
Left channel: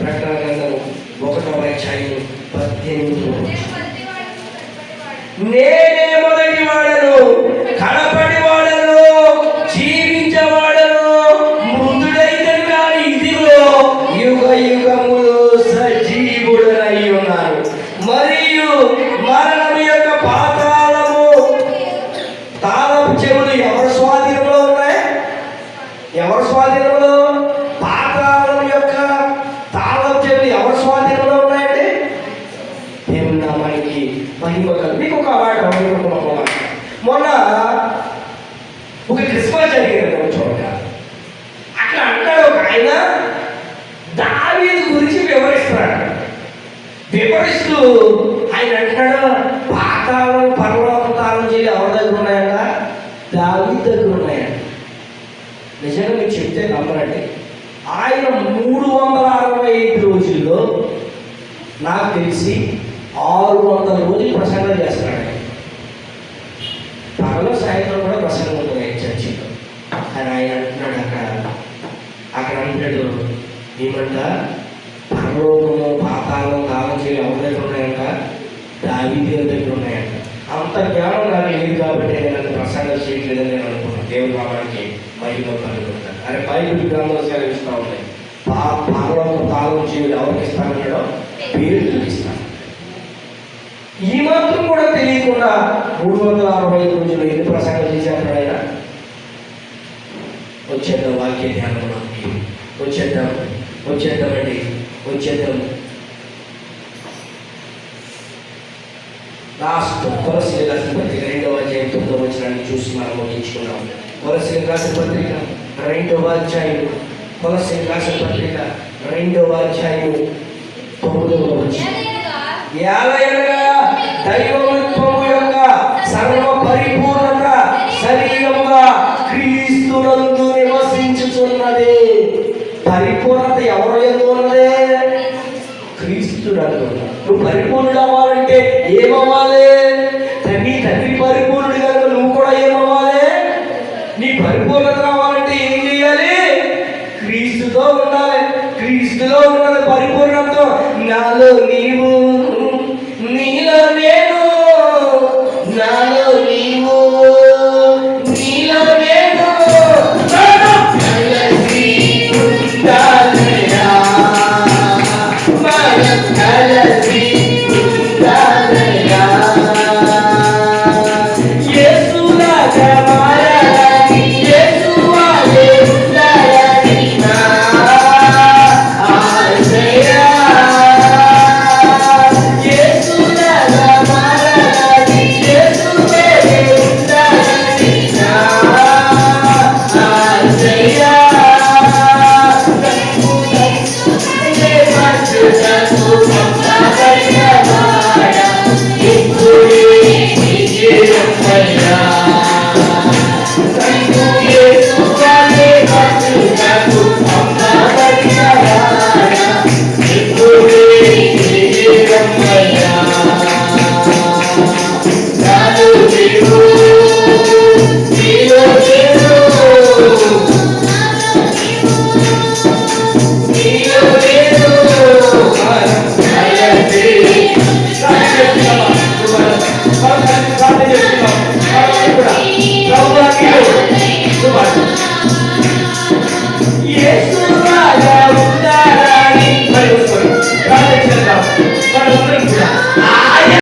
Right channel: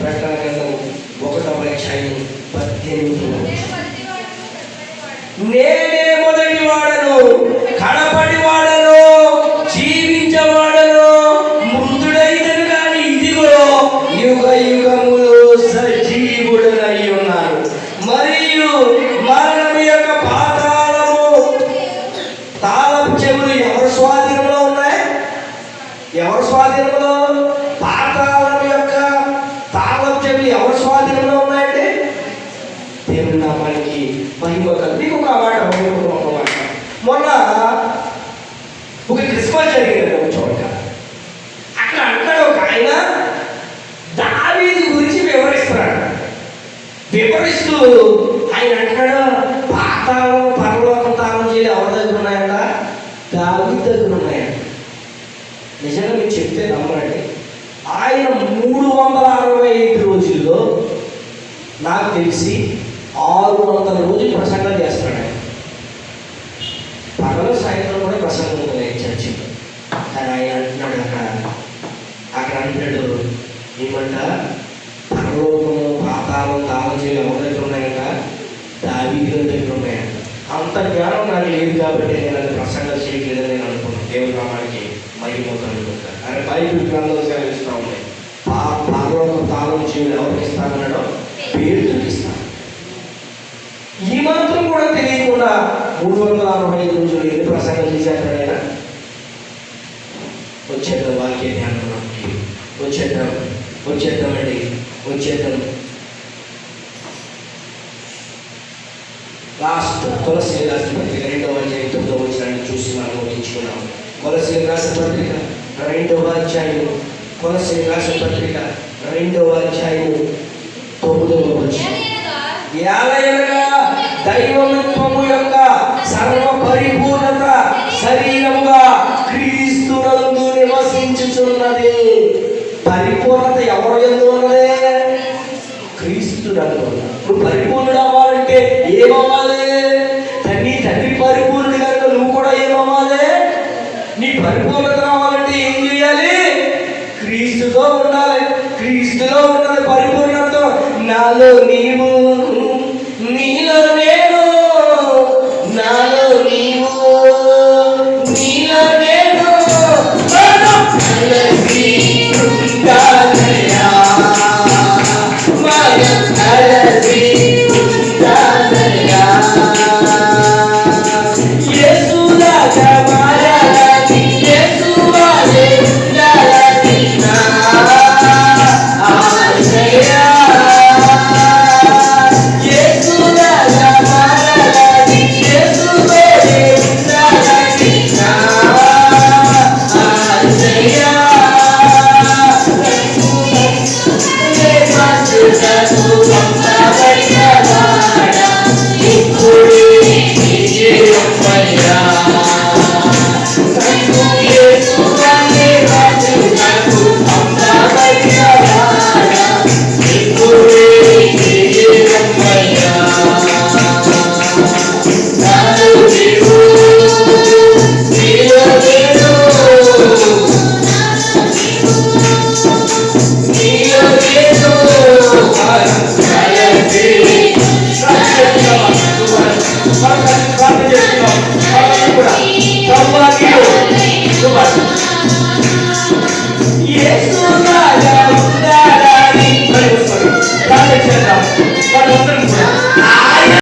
ప్రకటన గ్రంథం 1:18 నేనే మొదటి వాడను, కడపటి వాడను, జీవించేవాడను, మృతుడైదను కానీ ఇదిగో యుగ యుగములు సజీవుడనై ఉన్నాను, మరియు మరణం యొక్క పాతాళము తాళపు చెవులు ఎవరి స్వాధీనంలో ఉన్నాయి? ఎవరి స్వాధీనంలో? పాతాళం యొక్క తాళపు చెవులు ఎవరి స్వాధీనంలో ఉన్నాయండి? దేవుని నామానికి మహిమ కలిగి ఒక మాట మొన్న ఒక క్రిస్మస్ జరిగింది ఒక చోట. అక్కడ అంటాడు ఒక ఆయన దావీదు గురించి వివరిస్తున్నాడు. వివరిస్తూ ఆయన అంటాడు, పాతాళం పరలోకం తాళం చేయాలి ఎవరి దగ్గర ఉన్నాయంట? దావీదు దగ్గర ఉన్నాయంట. నిజంగా మీకు చెప్తే నమ్మరండి, ఆయన 365 రోజుల్లో నాకు తెలిసి 600 రోజులు ప్రసంగం చేస్తాడు. పగలు సాయంత్రం కూడా ప్రసంగం ఉంది చర్చి. కానీ ఆయన అంటున్నాడు అక్కడ అంటాడు ఏమంట, పరలోకము పాతాళం తాళం చేయాలి ఎవరి దగ్గర ఉన్నాయంట? దావీదు దగ్గర ఉన్నాయంట. అంత జ్ఞానం నాకు లేదు కాబట్టి నేను అది ప్రసంగం చేయట్లేదని నేను అనుకున్నాను. దేవుని నామానికి మహిమ కలుగుతాను. ఆయన బైబిల్ గ్రంథంలో సెలవిస్తూ ఉన్నాయి, పరలోకం తాళం చేయాలి ఎవరికి ఇస్తానన్నాడో? పేరుకి ఇస్తాను. ఈ మాత్రం కూడా తెలియకుండా 365 రోజులు ఎన్ని ప్రసంగం చేశారు ఆయన? వచ్చేద్దాం వాక్య ధ్యానంలోకి, వచ్చేద్దామండి. లాస్ట్ కొలస్సీయులకు రాసిన పత్రిక 2వ అధ్యాయం 9వ వచనాన్ని చూసి మనం ముగించుకున్నాం. కొలస్సీయులకు రాసిన పత్రిక 2వ అధ్యాయం 2వ అధ్యాయం 9వ వచనం. ఏలయనగా దైవత్వము యొక్క సర్వ పరిపూర్ణత శరీరముగా క్రీస్తునందు నివసించుచున్నది. పరిపూర్ణత ఎవరు యందు ఉన్నదే? క్రీస్తునందు. నువ్వు పరిపూర్ణుడు అవ్వాలంటే ఏమో